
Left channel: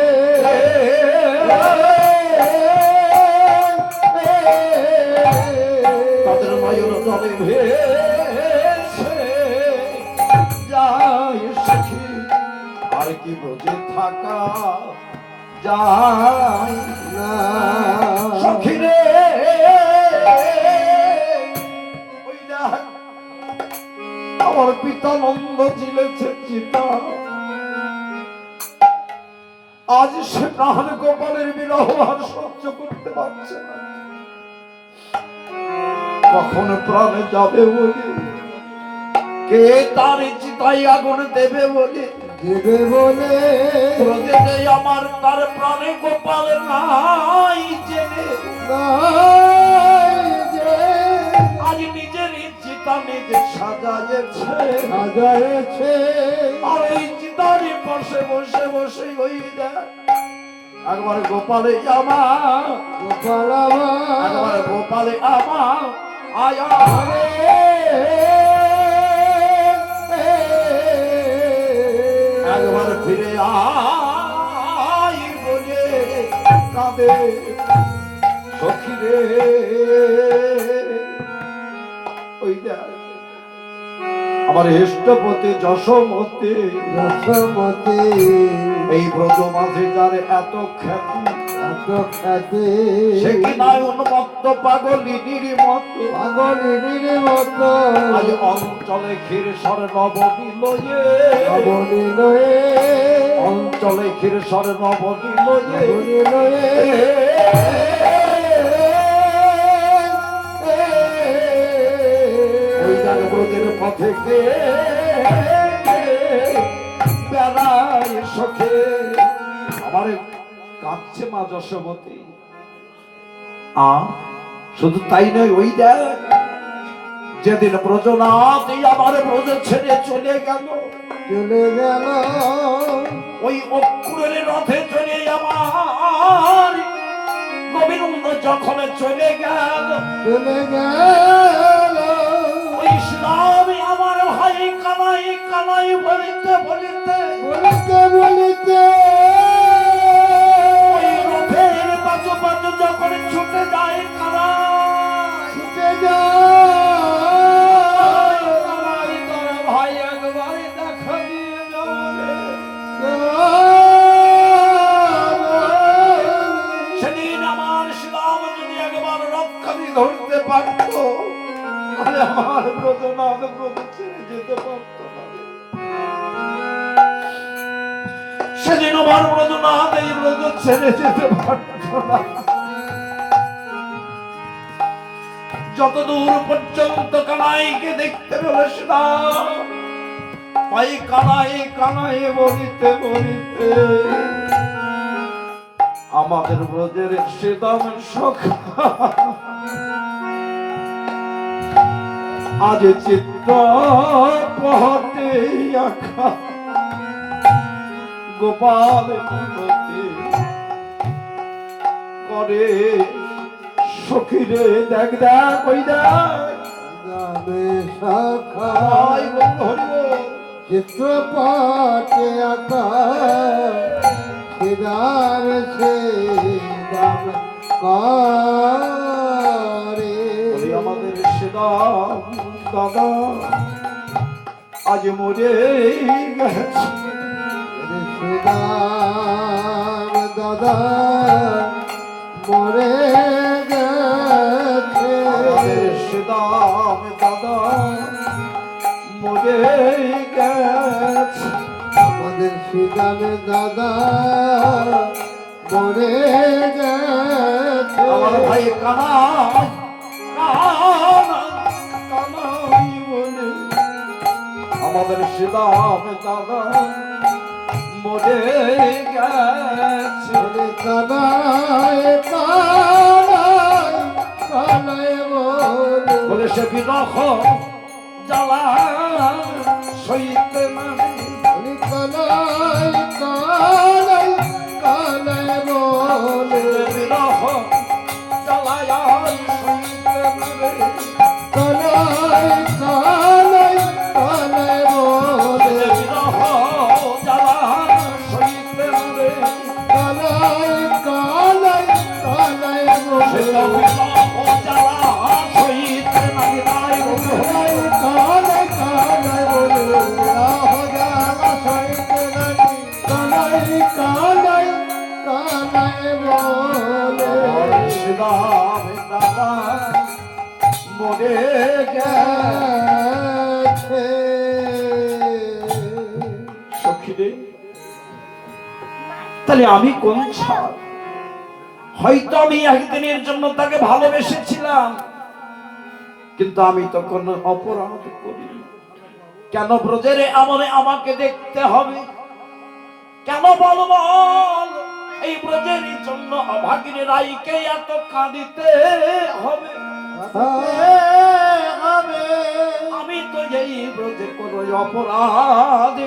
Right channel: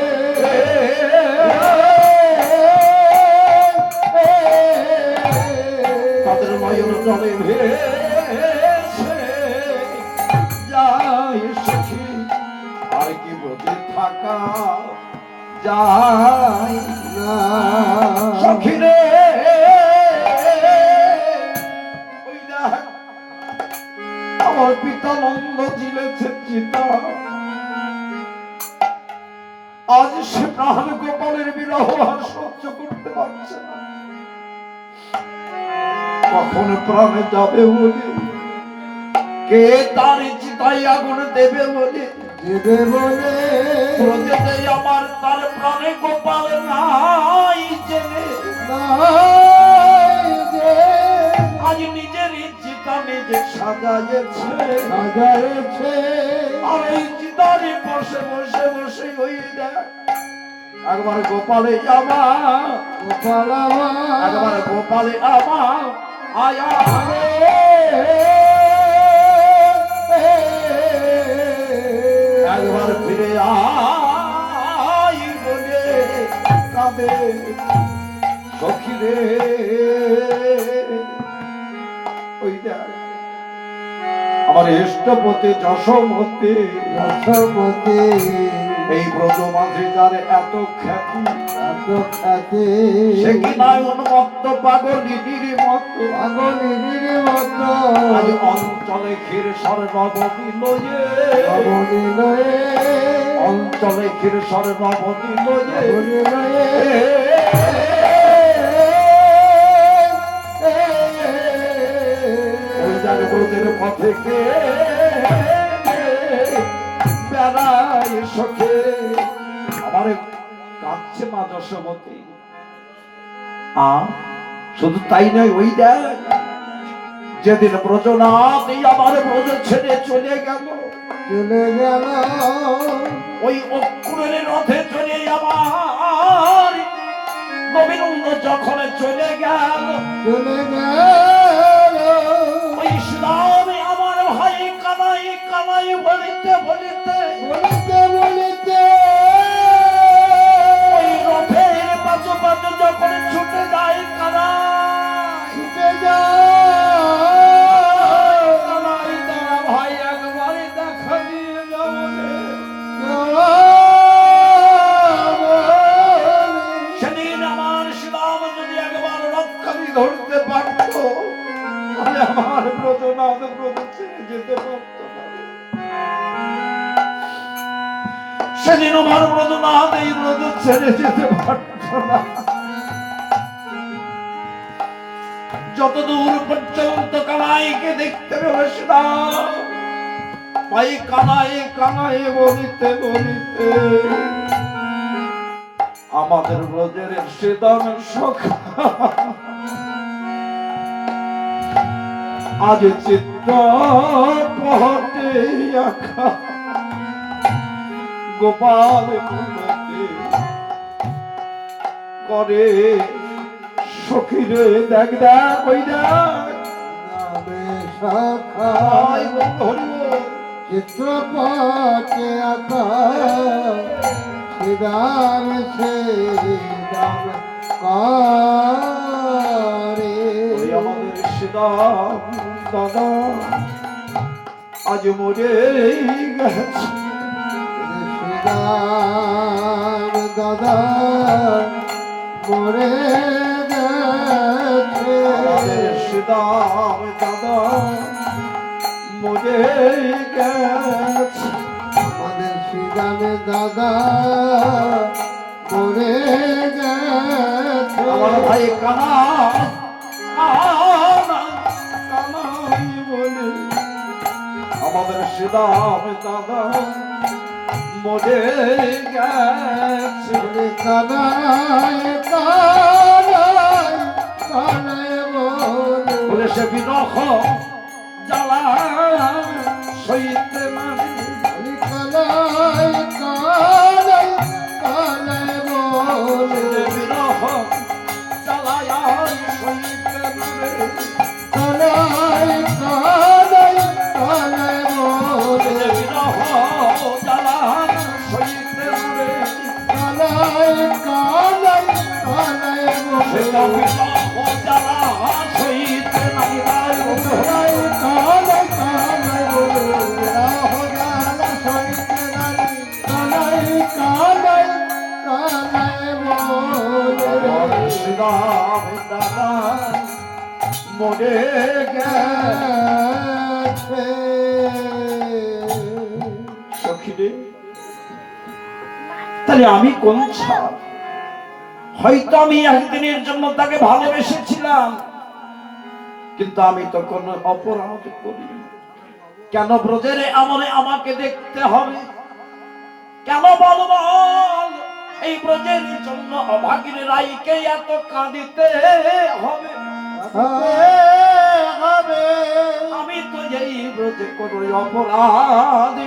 তাদের নয়ন জলে ভেসে যায় সখী আর কি ব্রজে থাকা যায় না সখী রে ওই দেখ আমার পিতা নন্দ জিলেছে চিতা আজ সে প্রাণ গোপালের বিরহ আর সহ্য করতে পারছে না কখন প্রাণে যাবে বলে কে তার চিতায় আগুন দেবে বলে দেবে বলে প্রজেতে আমার তার প্রাণে গোপাল নাই জেনে নাই যে আজ নিজের চিতা নিজে সাজাইছে সাজাইছে আর ওই চিতারই পাশে বসে বসে ওই দেখ একবার গোপালে আমার গোপালামা একবার গোপালে আমার আয়া একবার ফিরে আয় বলে কাঁদে সখী রে ওই দেখ আমার ইষ্টপতি যশোমতি রসমতে এই ব্রত মাঝে যার এত খ্যাতি এত খ্যাতি সে কি নয় উন্মত্ত পাগলিনীর মতো আগলিনীর মতো আজ অঞ্চলে ক্ষীর সর নবনীলয়ে অবনীলয়ে অঞ্চলে ক্ষীর সর নবনীলয়ে অবনীলয়ে ওই যার ব্রতের পথে কে বেড়ায় সখে আমার কাঁদছে মা যশোমতী শুধু তাই নয় ওই দেখ যেদিন ব্রজনাথ এই আমার ব্রজ ছেড়ে চলে গেল চলে গেল ওই অক্ষরের রথে চলে আমার গোবিন্দ যখন চলে গেল চলে গেল ওই ইসলামে আমার ভাই কানাই কানাই বলিতে বলিতে বলিতে বলিতে ওই রথের পাশে পাশে যখন ছুটে যায় কানাই ছুটে যায় কানাই তোরা ভাই একবারে দেখা দিয়ে যাও রে। সেদিন আমার ইসলাম যদি একবার রক্ষাদি ধরতে পারতো তাহলে আমার ব্রজনাথ ব্রত ছেড়ে যেতে পারতো না রে। সেদিন আমার ব্রজনাথ এই ব্রত ছেড়ে যেতে পারতো না যতদূর পর্যন্ত কানাইকে দেখতে পেয়েছিলাম ভাই কানাই কানাই বলিতে বলিতে আমাদের ব্রজের সেদামের শখ আজ চিত্ত পহতে আখা গোপাল মূলতে করে সখীরে দেখ দেখ ওই দেখ নামে শাখা আই বল হরি বল। চিত্রপটে আঁকা সিদাম সে দাম করে ওই আমাদের সেদাম দাদা আজ মরে গেছে সিদাম দাদা মরে গেছে আমাদের সেদাম দাদা মরে গেছে আমাদের সিদাম দাদা মরে গেছে আমার ভাই কানাই কানাই কানাই বলে আমাদের সেদাম দাদা মরে গেছে কানায় কানায় কানায় বলে বলে সে বিরহ জ্বালা সইতে মানে কানায় কানায় কানায় বলে বিরহ জ্বালায় সইতে মানে কানায় কানায় কানায় মরে গেছে। সখীরে, তাহলে আমি কোন ছাড়? হয়তো আমি একদিনের জন্য তাকে ভালোবেসেছিলাম, কিন্তু আমি তো কোনো অপরাধ করি। কেন ব্রজের আমলে আমাকে দেখতে হবে? কেন বল বল, এই ব্রজের জন্য অভাগীর রাইকে এত কাঁদিতে হবে? আমি তো এই ব্রজে কোনো অপরাধ